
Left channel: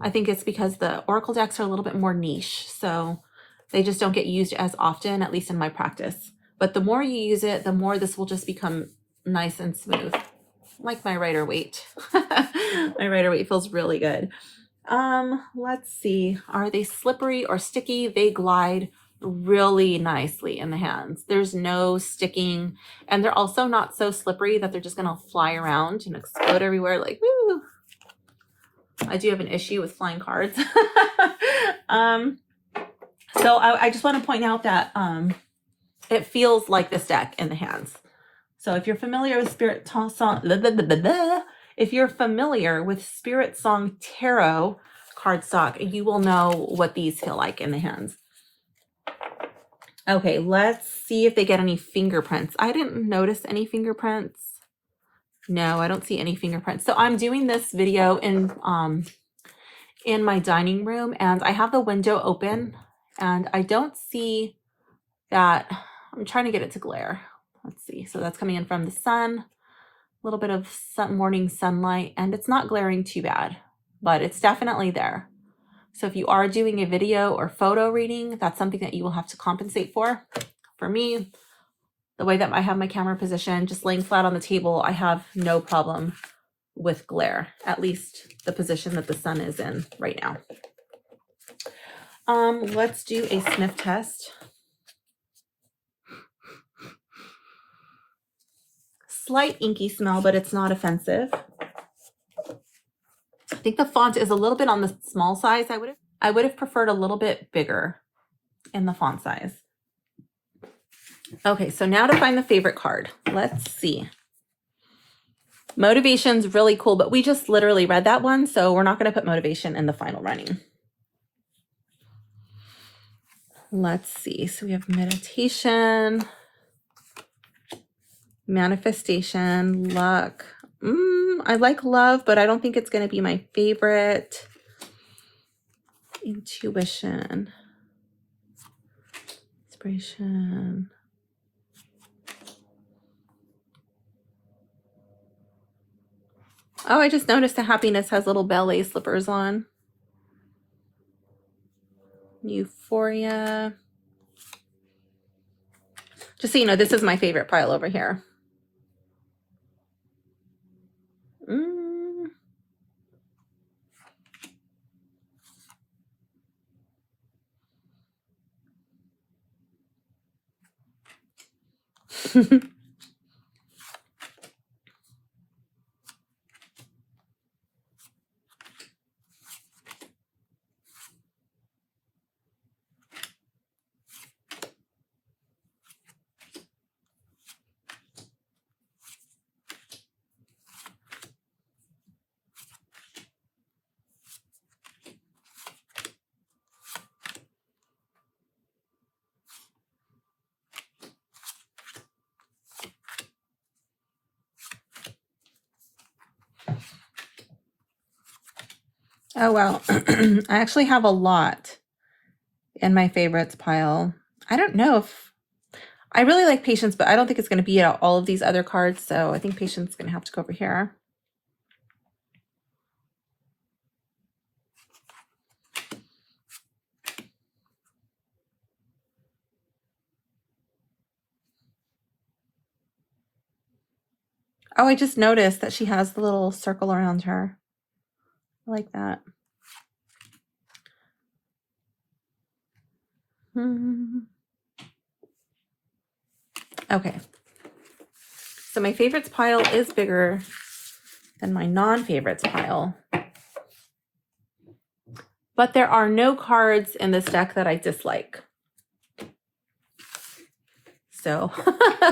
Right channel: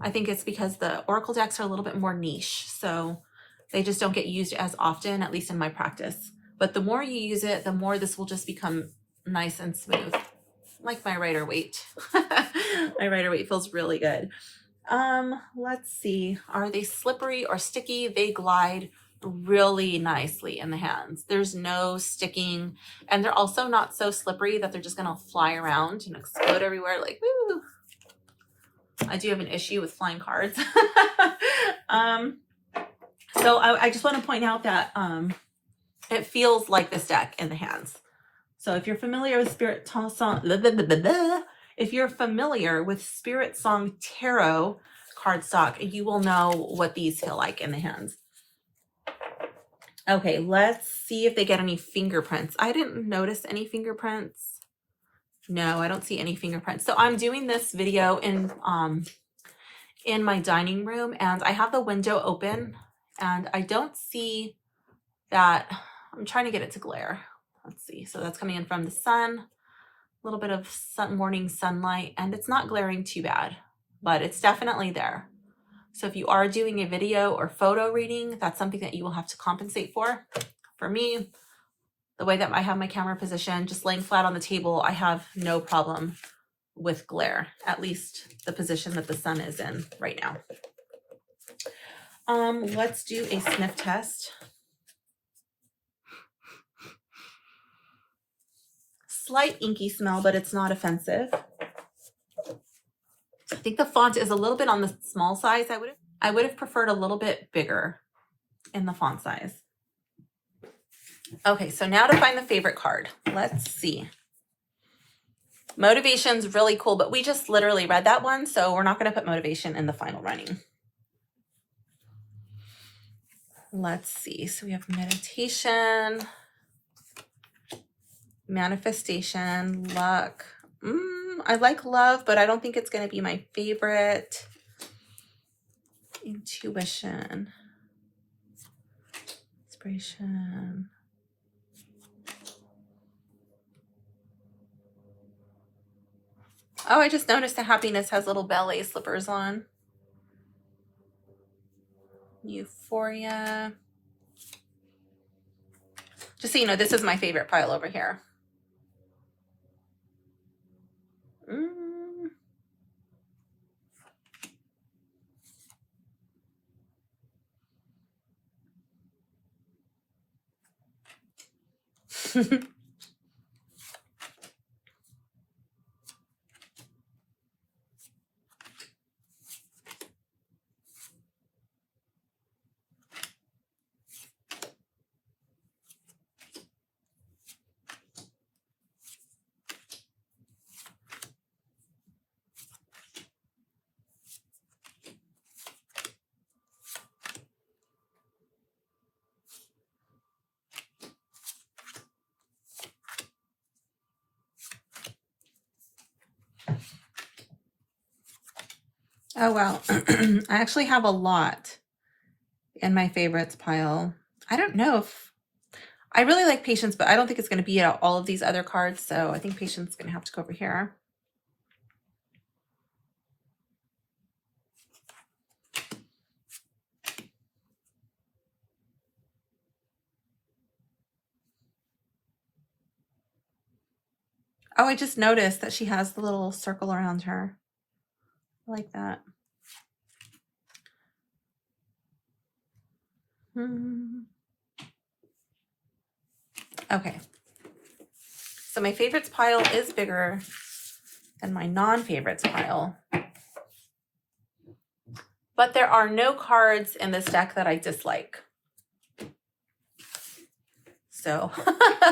I think it's because the oracle decks are a little bit more niche, so they just don't get used as often, at least in my practice. But the more you use it, the more this will just become nice and smooth. Like my Rider-Waite. My Rider-Waite feels really good. Let's see. Are they slippery or sticky? They glide really nicely in the hands. There's no sticking, and they're also not so slippery that they're just gonna fly around and explode everywhere like woo. I do have an issue with flying cards. So I just want to point out that it feels like this deck in the hands. So if you're familiar with Spirit Song, if you're familiar with Spirit Song Tarot cardstock, you will know what these feel like in the hands. Okay, let's see if they get any fingerprints. I didn't notice any fingerprints. No, I don't see any fingerprints. So I'm doing this video in my dining room, and I have the window open, and I don't see that. I'm trying to get it to glare. Let's see. So that's coming in from the sun, a little bit of morning sunlight, and it's not glaring too bad, but it's definitely there. So if you are doing a video or photo reading, that's something that you will have to compensate for. For me, the way that I have my camera positioned, just laying flat on the table, I have no problem with glare, at least the position that the sun is in right now. Let's do a sniff test. Slight inky smell, but it's not offensive. I think the font is a little bit on the small size. I would have preferred a little bit bigger in the font size. Okay, so now to find the favorite card. Let's see. Motivation's really cool, but we just literally read that one, so we're not going to put motivation in the final running. Let's see. So we have meditation, manifestation, luck. I like love, but I don't think it's going to be my favorite. Intuition, inspiration. Oh, I just noticed the happiness has little ballet slippers on. Euphoria. Just so you know, this is my favorite pile over here. Oh, wow. I actually have a lot in my favorites pile. I don't know if I really like Patience, but I don't think it's going to be at all of these other cards. So I think Patience is going to have to go over here. Oh, I just noticed that she has the little circle around her. I like that. Okay. So my favorites pile is bigger than my non-favorites pile. But there are no cards in this deck that I dislike. So,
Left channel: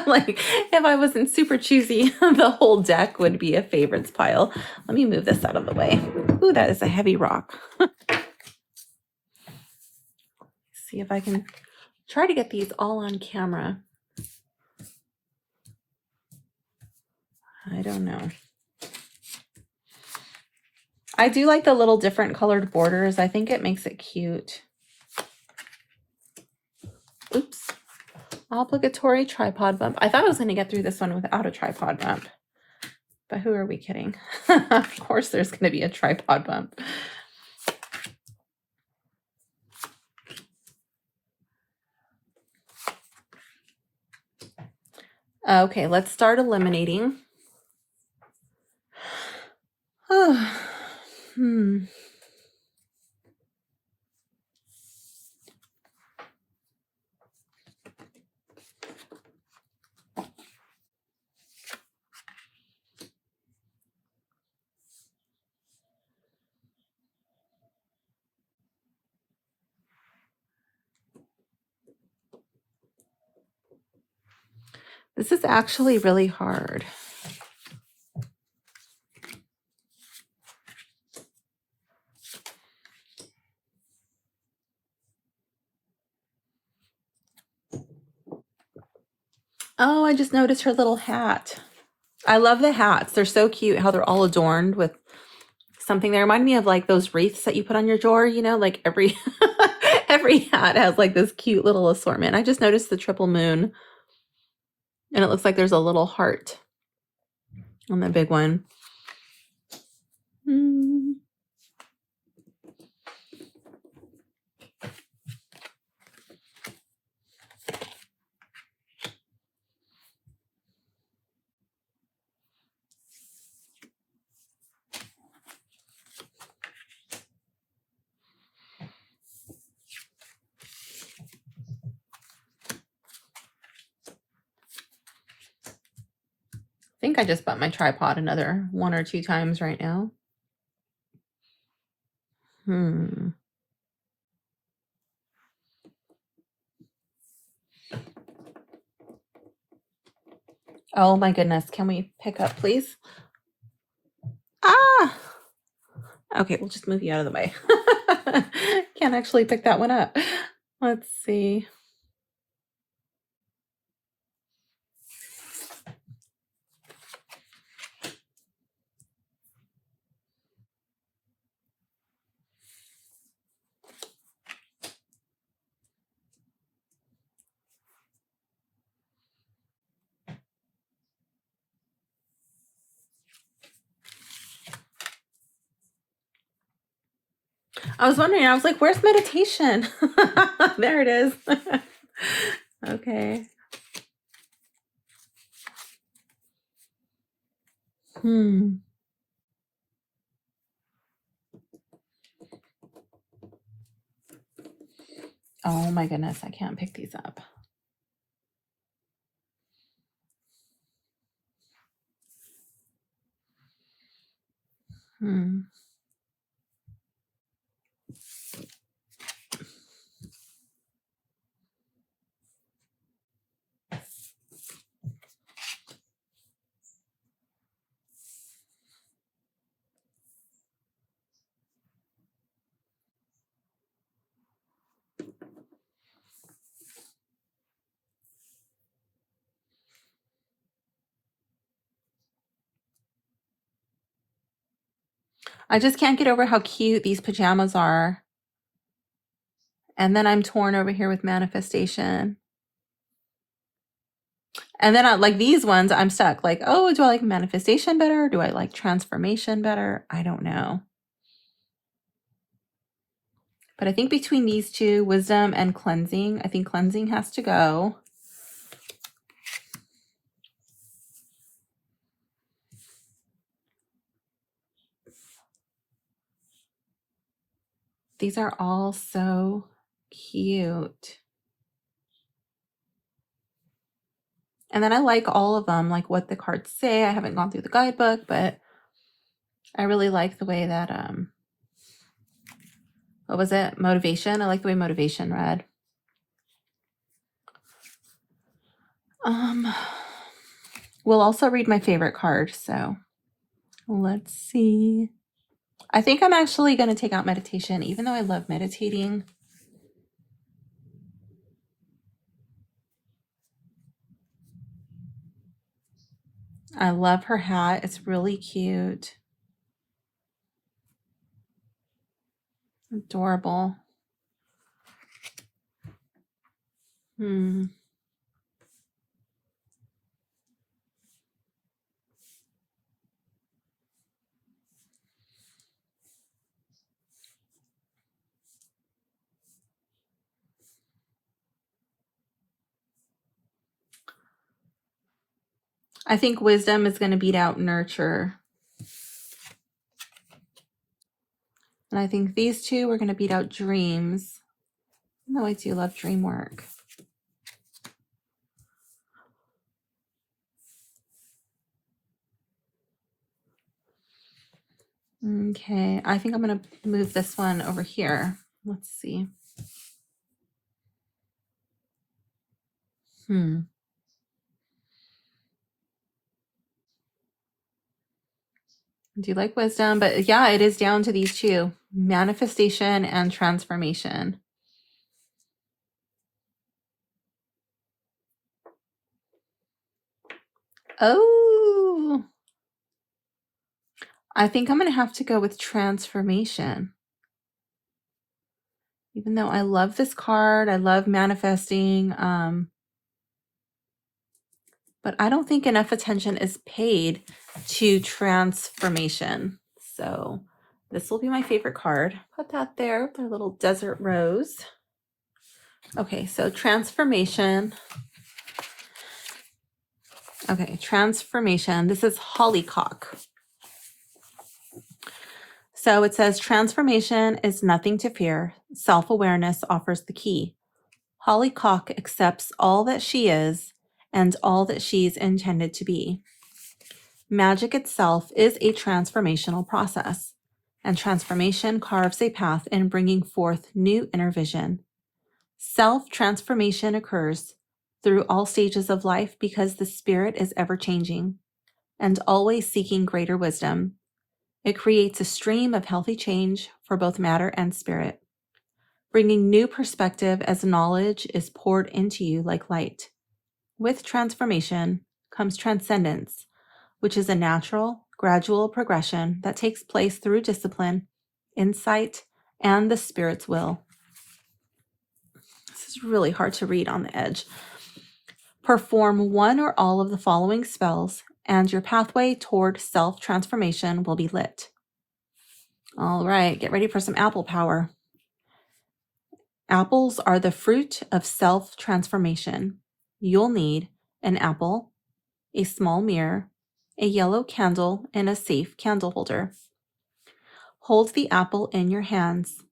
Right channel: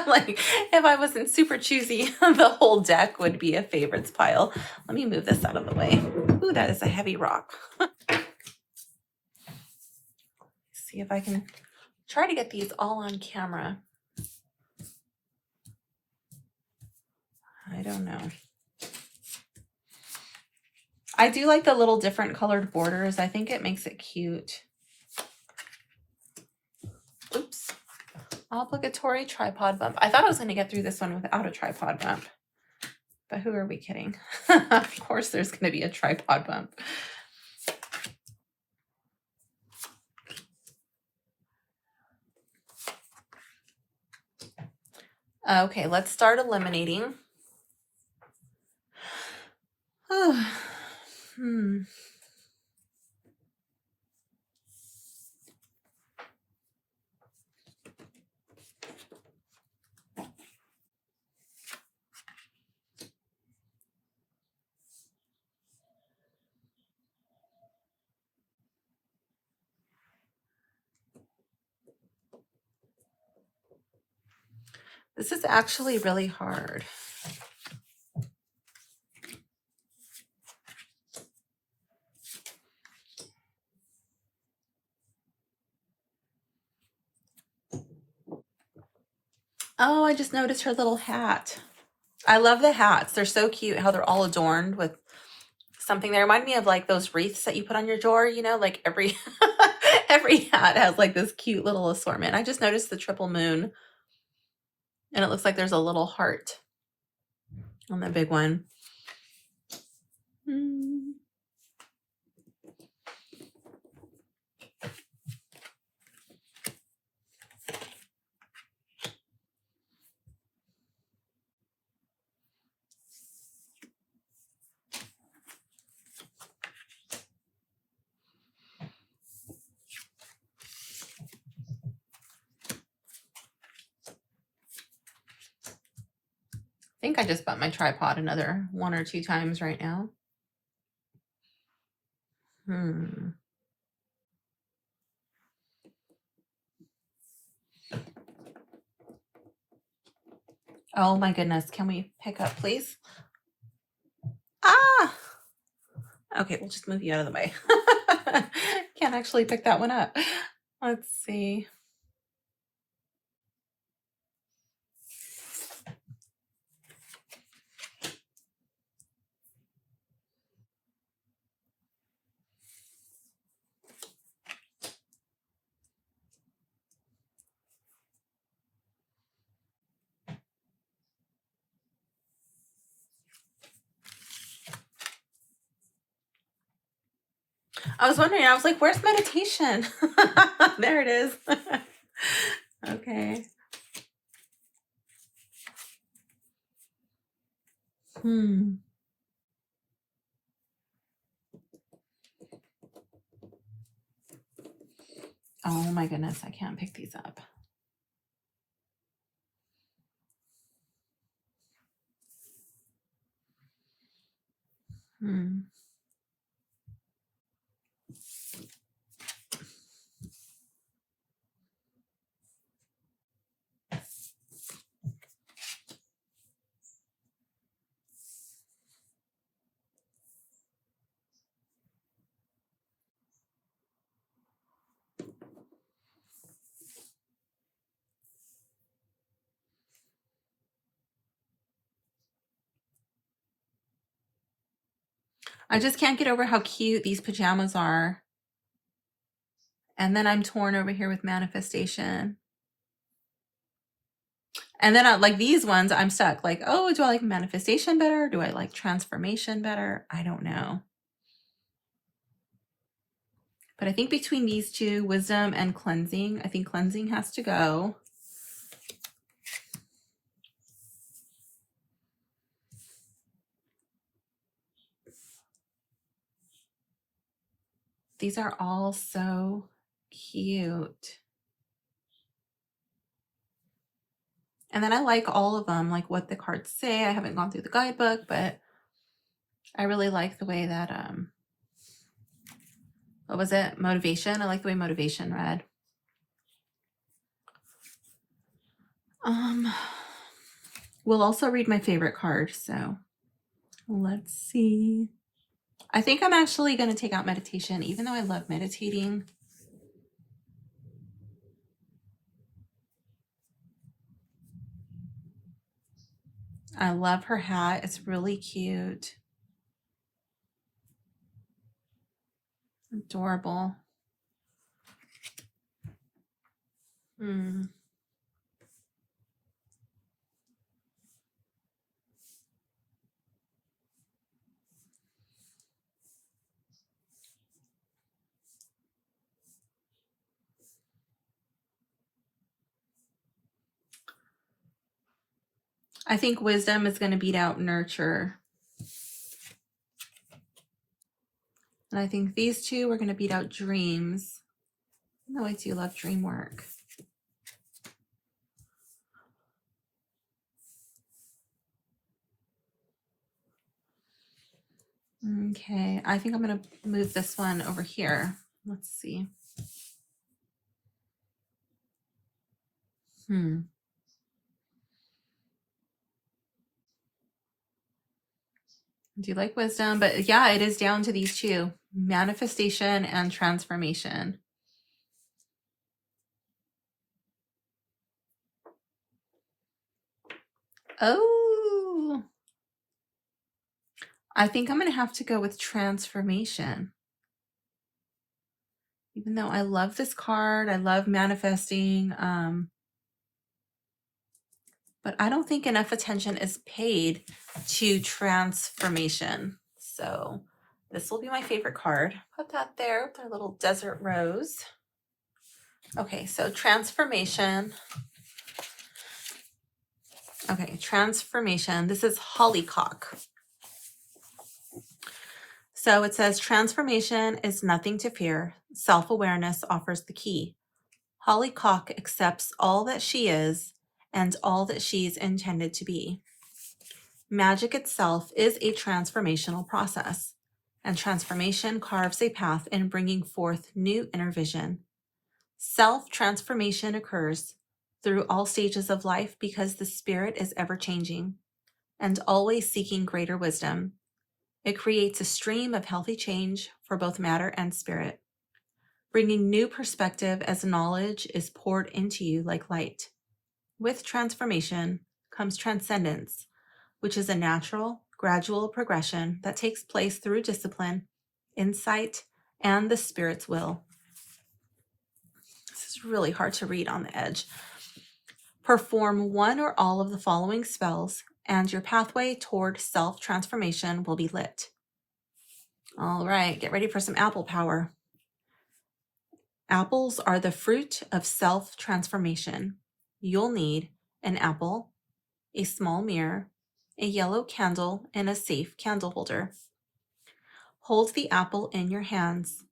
like, if I wasn't super choosy, the whole deck would be a favorites pile. Let me move this out of the way. Ooh, that is a heavy rock. See if I can try to get these all on camera. I don't know. I do like the little different colored borders. I think it makes it cute. Oops. Obligatory tripod bump. I thought I was going to get through this one without a tripod bump. But who are we kidding? Of course there's going to be a tripod bump. Okay, let's start eliminating. Oh, This is actually really hard. Oh, I just noticed her little hat. I love the hats. They're so cute how they're all adorned with something. They remind me of like those wreaths that you put on your door, you know, like every every hat has like this cute little assortment. I just noticed the triple moon and it looks like there's a little heart on the big one. I think I just bought my tripod another 1 or 2 times right now. Oh my goodness. Can we pick up, please? Ah! Okay, we'll just move you out of the way. Can't actually pick that one up. Let's see. I was wondering, I was like, where's meditation? There it is. Okay. Oh my goodness, I can't pick these up. I just can't get over how cute these pajamas are. And then I'm torn over here with manifestation. And then I like these ones, I'm stuck. Like, oh, do I like manifestation better? Do I like transformation better? I don't know. But I think between these two, wisdom and cleansing, I think cleansing has to go. These are all so cute. And then I like all of them, like what the cards say. I haven't gone through the guidebook, but I really like the way that, what was it? Motivation. I like the way motivation read. We'll also read my favorite card. So let's see. I think I'm actually going to take out meditation, even though I love meditating. I love her hat. It's really cute. Adorable. I think wisdom is going to beat out nurture. And I think these two are going to beat out dreams. No, I do love dream work. Okay, I think I'm going to move this one over here. Let's see. I do like wisdom, but yeah, it is down to these two, manifestation and transformation. Oh, I think I'm going to have to go with transformation. Even though I love this card, I love manifesting, but I don't think enough attention is paid to transformation. So this will be my favorite card. Put that there with our little desert rose. Okay, so transformation. Okay, transformation. This is hollyhock. So it says transformation is nothing to fear. Self-awareness offers the key. Hollyhock accepts all that she is and all that she's intended to be. Magic itself is a transformational process, and transformation carves a path in bringing forth new inner vision. Self-transformation occurs through all stages of life because the spirit is ever-changing and always seeking greater wisdom. It creates a stream of healthy change for both matter and spirit, bringing new perspective as knowledge is poured into you like light. With transformation comes transcendence, which is a natural, gradual progression that takes place through discipline, insight, and the spirit's will. This is really hard to read on the edge. Perform one or all of the following spells, and your pathway toward self-transformation will be lit. All right, get ready for some apple power. Apples are the fruit of self-transformation. You'll need an apple, a small mirror, a yellow candle, and a safe candle holder. Hold the apple in your hands.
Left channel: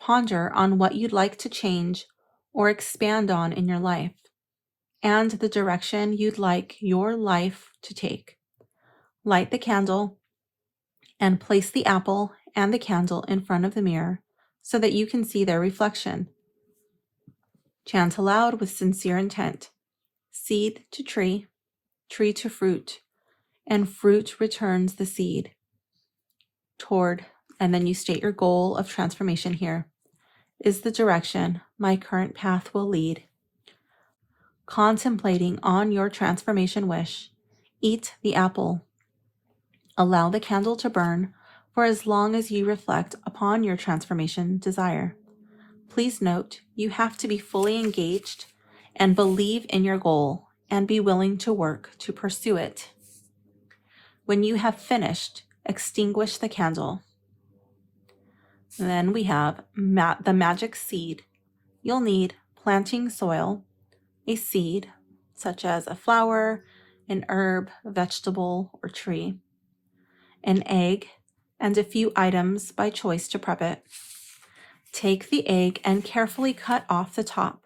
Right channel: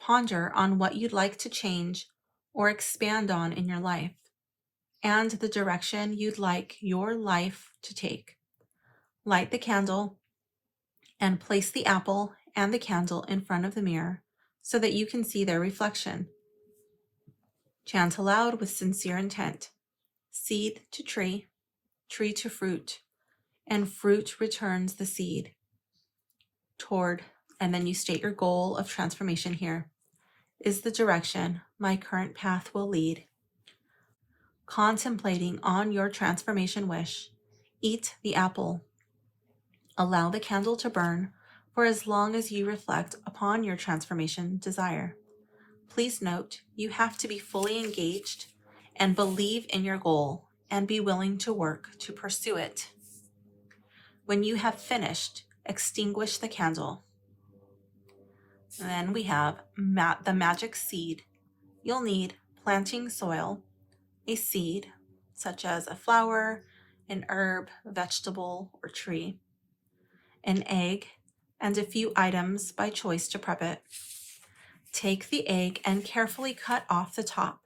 Ponder on what you'd like to change or expand on in your life, and the direction you'd like your life to take. Light the candle and place the apple and the candle in front of the mirror so that you can see their reflection. Chant aloud with sincere intent. Seed to tree, tree to fruit, and fruit returns the seed toward, and then you state your goal of transformation here, is the direction my current path will lead. Contemplating on your transformation wish, eat the apple. Allow the candle to burn for as long as you reflect upon your transformation desire. Please note, you have to be fully engaged and believe in your goal and be willing to work to pursue it. When you have finished, extinguish the candle. And then we have the magic seed. You'll need planting soil, a seed, such as a flower, an herb, vegetable, or tree, an egg, and a few items by choice to prep it. Take the egg and carefully cut off the top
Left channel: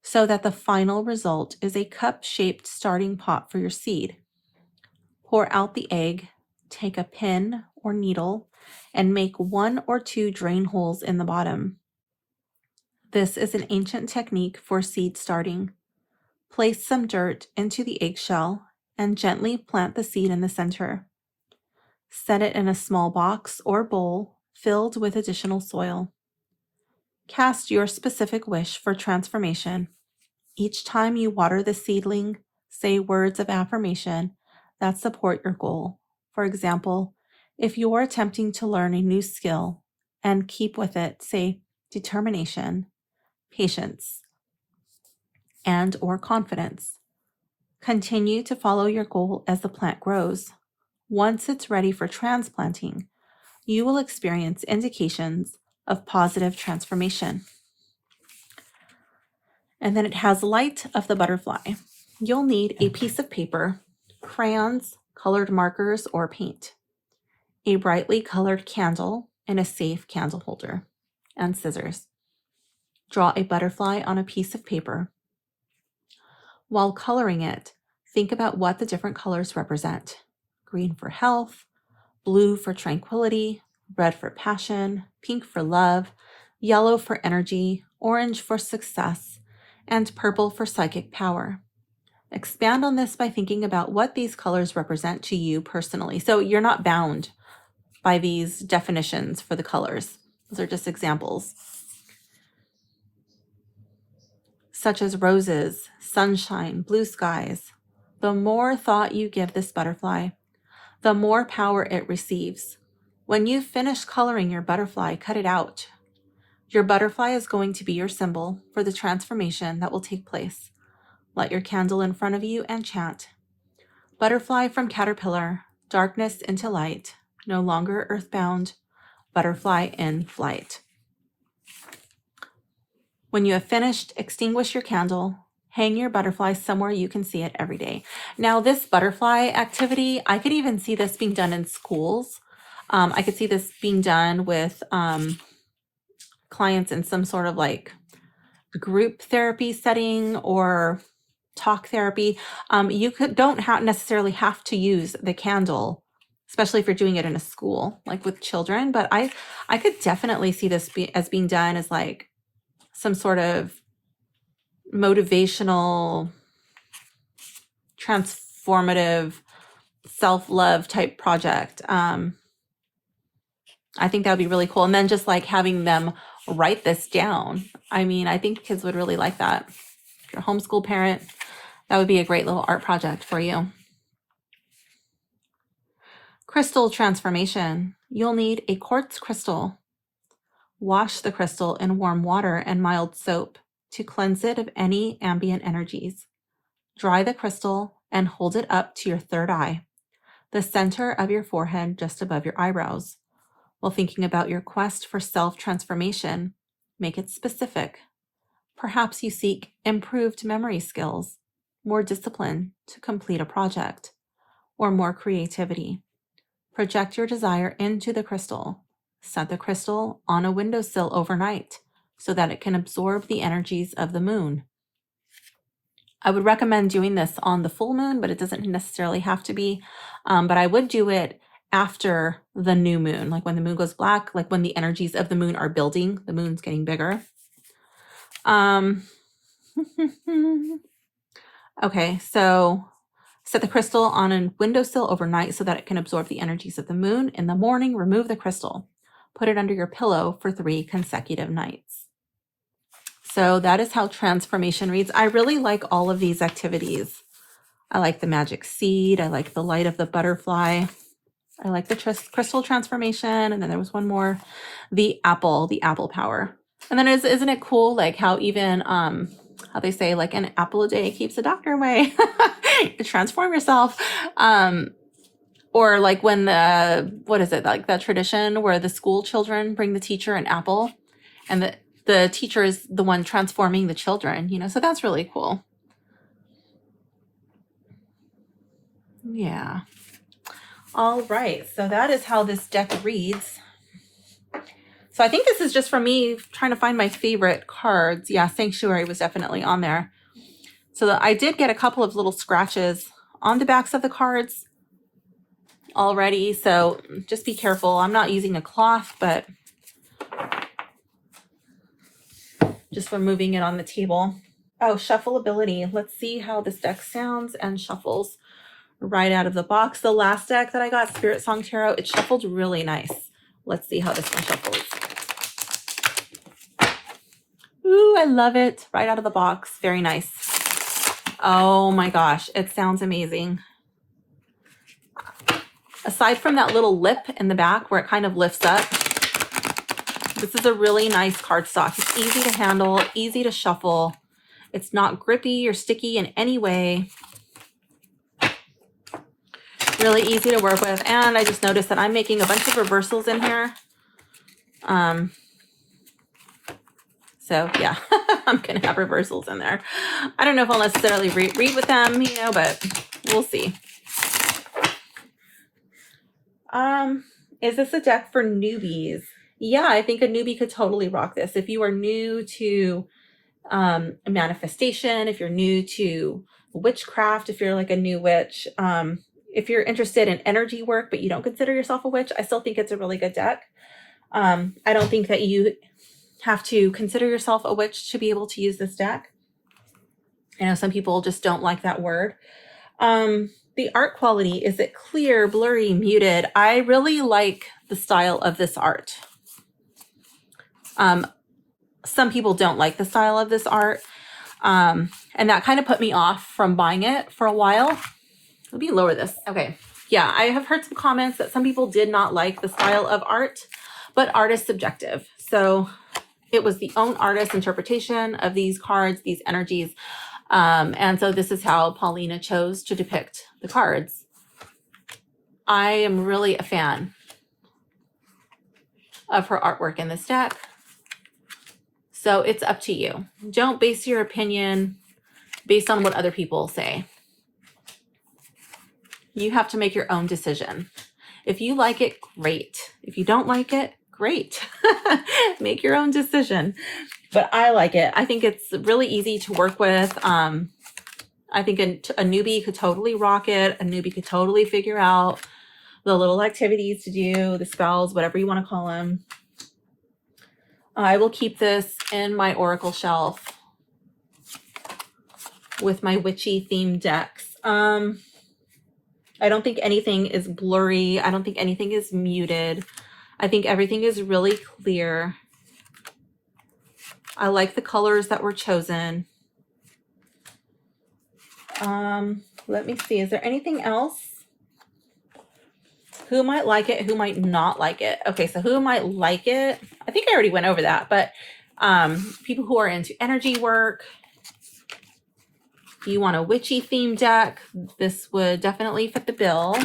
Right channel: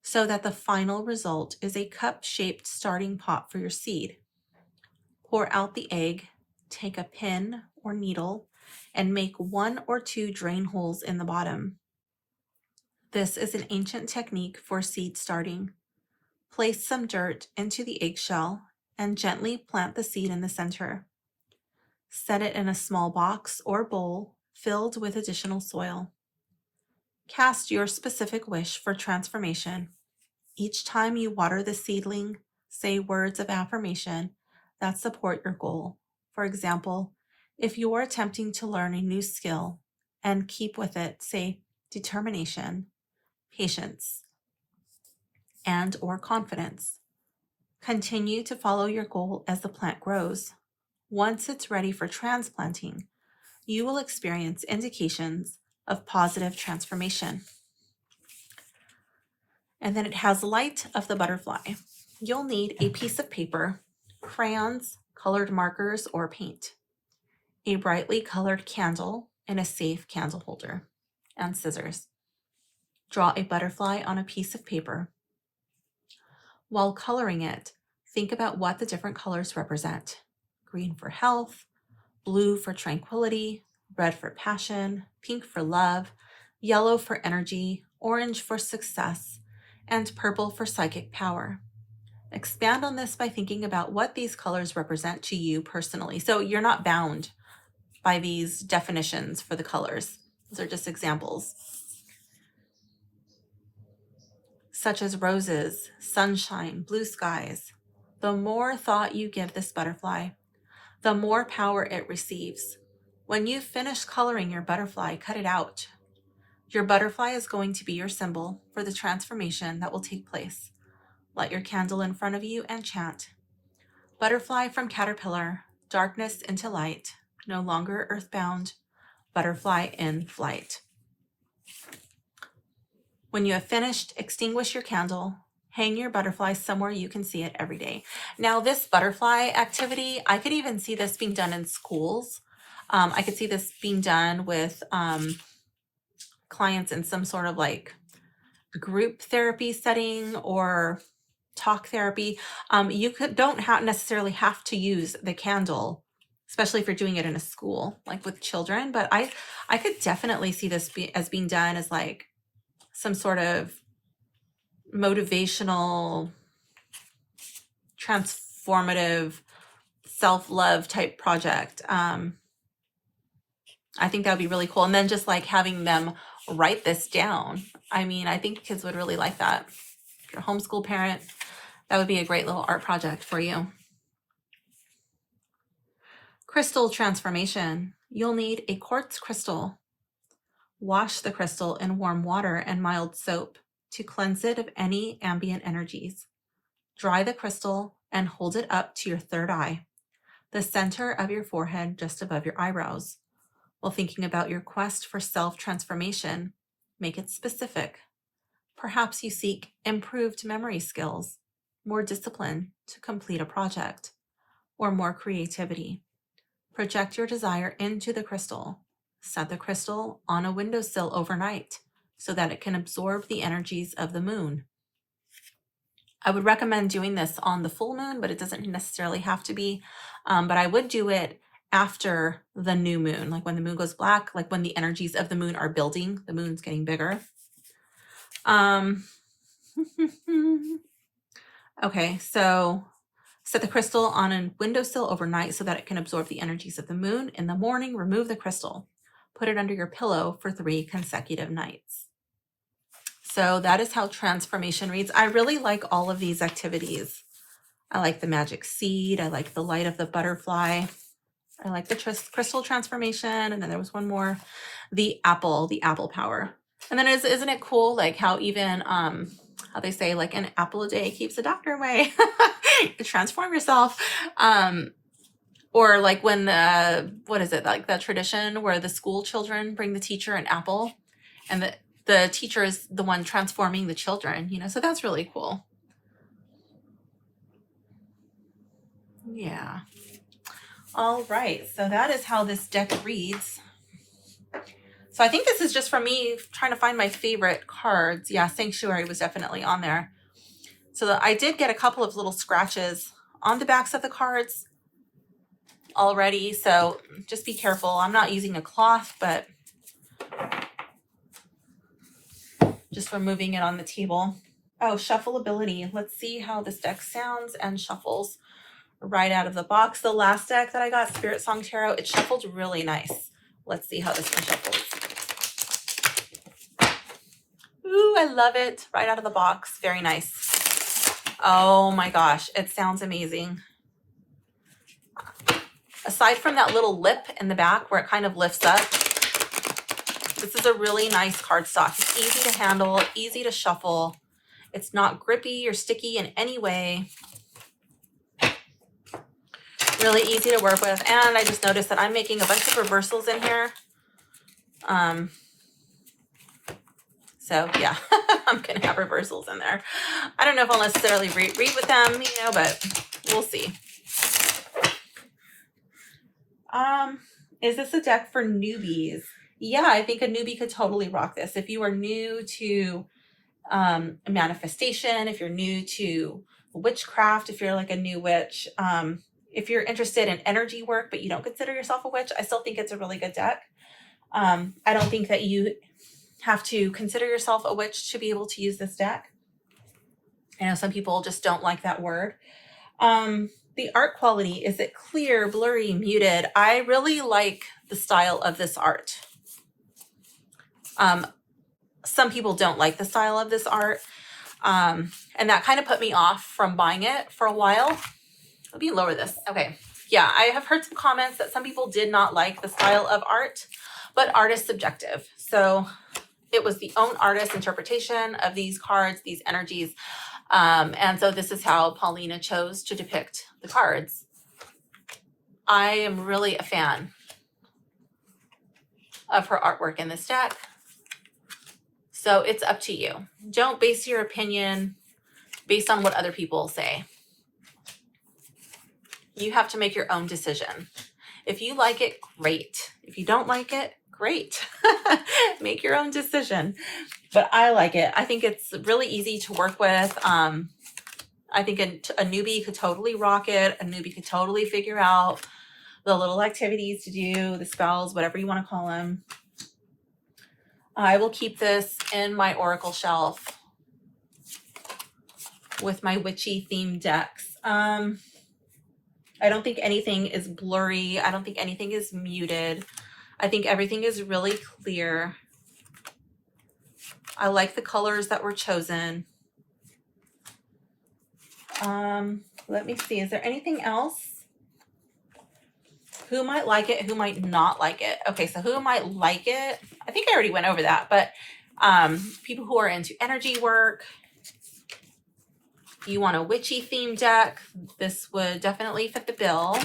so that the final result is a cup-shaped starting pot for your seed. Pour out the egg, take a pin or needle, and make 1 or 2 drain holes in the bottom. This is an ancient technique for seed starting. Place some dirt into the eggshell and gently plant the seed in the center. Set it in a small box or bowl filled with additional soil. Cast your specific wish for transformation. Each time you water the seedling, say words of affirmation that support your goal. For example, if you are attempting to learn a new skill and keep with it, say determination, patience, and or confidence. Continue to follow your goal as the plant grows. Once it's ready for transplanting, you will experience indications of positive transformation. And then it has light of the butterfly. You'll need a piece of paper, crayons, colored markers, or paint, a brightly colored candle, and a safe candle holder, and scissors. Draw a butterfly on a piece of paper. While coloring it, think about what the different colors represent. Green for health, blue for tranquility, red for passion, pink for love, yellow for energy, orange for success, and purple for psychic power. Expand on this by thinking about what these colors represent to you personally. So you're not bound by these definitions for the colors. Those are just examples. Such as roses, sunshine, blue skies. The more thought you give this butterfly, the more power it receives. When you finish coloring your butterfly, cut it out. Your butterfly is going to be your symbol for the transformation that will take place. Light your candle in front of you and chant. Butterfly from caterpillar, darkness into light, no longer earthbound, butterfly in flight. When you have finished, extinguish your candle, hang your butterfly somewhere you can see it every day. Now, this butterfly activity, I could even see this being done in schools. I could see this being done with clients in some sort of like group therapy setting or talk therapy. You don't necessarily have to use the candle, especially if you're doing it in a school, like with children. But I could definitely see this as being done as like some sort of motivational, transformative, self-love type project. I think that would be really cool. And then just like having them write this down. I mean, I think kids would really like that. If you're a homeschool parent, that would be a great little art project for you. Crystal transformation. You'll need a quartz crystal. Wash the crystal in warm water and mild soap to cleanse it of any ambient energies. Dry the crystal and hold it up to your third eye, the center of your forehead just above your eyebrows. While thinking about your quest for self-transformation, make it specific. Perhaps you seek improved memory skills, more discipline to complete a project, or more creativity. Project your desire into the crystal. Set the crystal on a windowsill overnight so that it can absorb the energies of the moon. I would recommend doing this on the full moon, but it doesn't necessarily have to be. But I would do it after the new moon, like when the moon goes black, like when the energies of the moon are building, the moon's getting bigger. Okay, so set the crystal on a windowsill overnight so that it can absorb the energies of the moon. In the morning, remove the crystal. Put it under your pillow for 3 consecutive nights. So that is how transformation reads. I really like all of these activities. I like the magic seed. I like the light of the butterfly. I like the crystal transformation. And then there was one more, the apple power. And then isn't it cool, like how even, how they say like an apple a day keeps the doctor away. Transform yourself. Or like when what is it? Like that tradition where the school children bring the teacher an apple and the teacher is the one transforming the children, you know, so that's really cool. Yeah. All right, so that is how this deck reads. So I think this is just for me trying to find my favorite cards. Yeah, Sanctuary was definitely on there. So I did get a couple of little scratches on the backs of the cards already, so just be careful. I'm not using a cloth, but just removing it on the table. Oh, shuffleability. Let's see how this deck sounds and shuffles right out of the box. The last deck that I got, Spirit Song Tarot, it shuffled really nice. Let's see how this one shuffles. Ooh, I love it. Right out of the box. Very nice. Oh my gosh, it sounds amazing. Aside from that little lip in the back where it kind of lifts up, this is a really nice cardstock. It's easy to handle, easy to shuffle. It's not grippy or sticky in any way. Really easy to work with. And I just noticed that I'm making a bunch of reversals in here. So yeah, I'm going to have reversals in there. I don't know if I'll necessarily read with them, you know, but we'll see. Is this a deck for newbies? Yeah, I think a newbie could totally rock this. If you are new to manifestation, if you're new to witchcraft, if you're like a new witch, if you're interested in energy work, but you don't consider yourself a witch, I still think it's a really good deck. I don't think that you have to consider yourself a witch to be able to use this deck. I know some people just don't like that word. The art quality, is it clear, blurry, muted? I really like the style of this art. Some people don't like the style of this art. And that kind of put me off from buying it for a while. Let me lower this. Okay. Yeah, I have heard some comments that some people did not like the style of art, but art is subjective. So it was the own artist's interpretation of these cards, these energies. And so this is how Paulina chose to depict the cards. I am really a fan of her artwork in this deck. So it's up to you. Don't base your opinion based on what other people say. You have to make your own decision. If you like it, great. If you don't like it, great. Make your own decision. But I like it. I think it's really easy to work with. I think a newbie could totally rock it. A newbie could totally figure out the little activities to do, the spells, whatever you want to call them. I will keep this in my oracle shelf with my witchy themed decks. I don't think anything is blurry. I don't think anything is muted. I think everything is really clear. I like the colors that were chosen. Let me see. Is there anything else? Who might like it? Who might not like it? Okay, so who might like it? I think I already went over that, but people who are into energy work, you want a witchy theme deck, this would definitely fit the bill.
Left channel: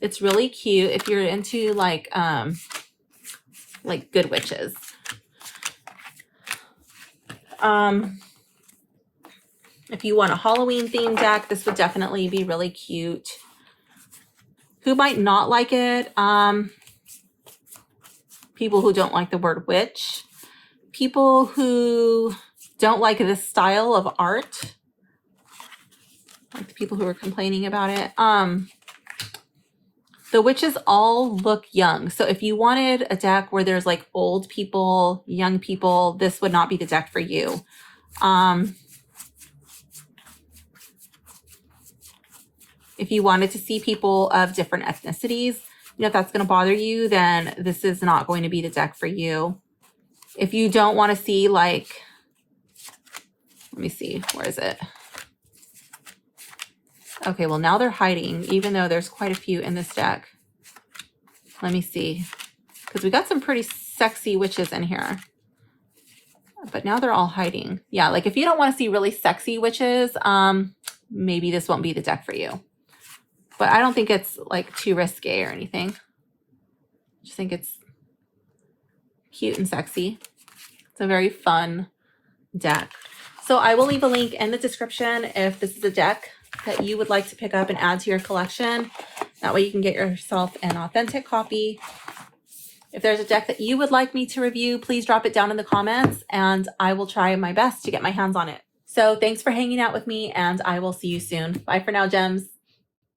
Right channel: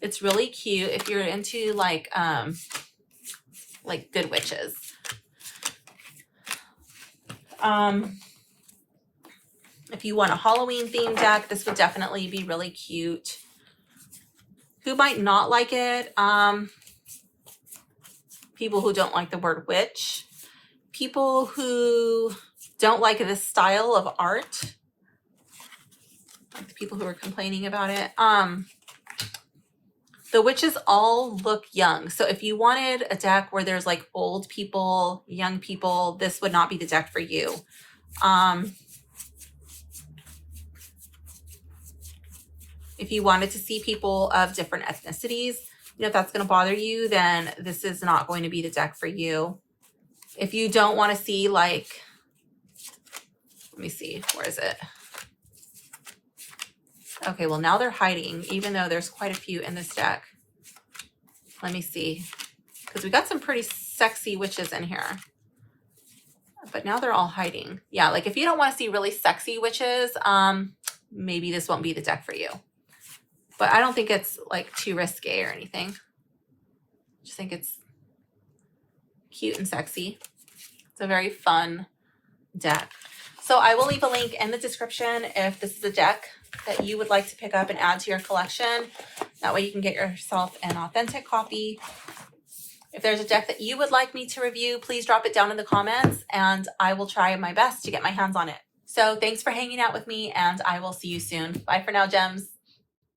It's really cute if you're into like good witches. If you want a Halloween theme deck, this would definitely be really cute. Who might not like it? People who don't like the word witch. People who don't like this style of art. Like the people who are complaining about it. The witches all look young. So if you wanted a deck where there's like old people, young people, this would not be the deck for you. If you wanted to see people of different ethnicities, you know, if that's going to bother you, then this is not going to be the deck for you. If you don't want to see like, let me see, where is it? Okay, well now they're hiding, even though there's quite a few in this deck. Let me see, because we got some pretty sexy witches in here. But now they're all hiding. Yeah, like if you don't want to see really sexy witches, maybe this won't be the deck for you. But I don't think it's like too risque or anything. I just think it's cute and sexy. It's a very fun deck. So I will leave a link in the description if this is a deck that you would like to pick up and add to your collection. That way you can get yourself an authentic copy. If there's a deck that you would like me to review, please drop it down in the comments and I will try my best to get my hands on it. So thanks for hanging out with me and I will see you soon. Bye for now, gems.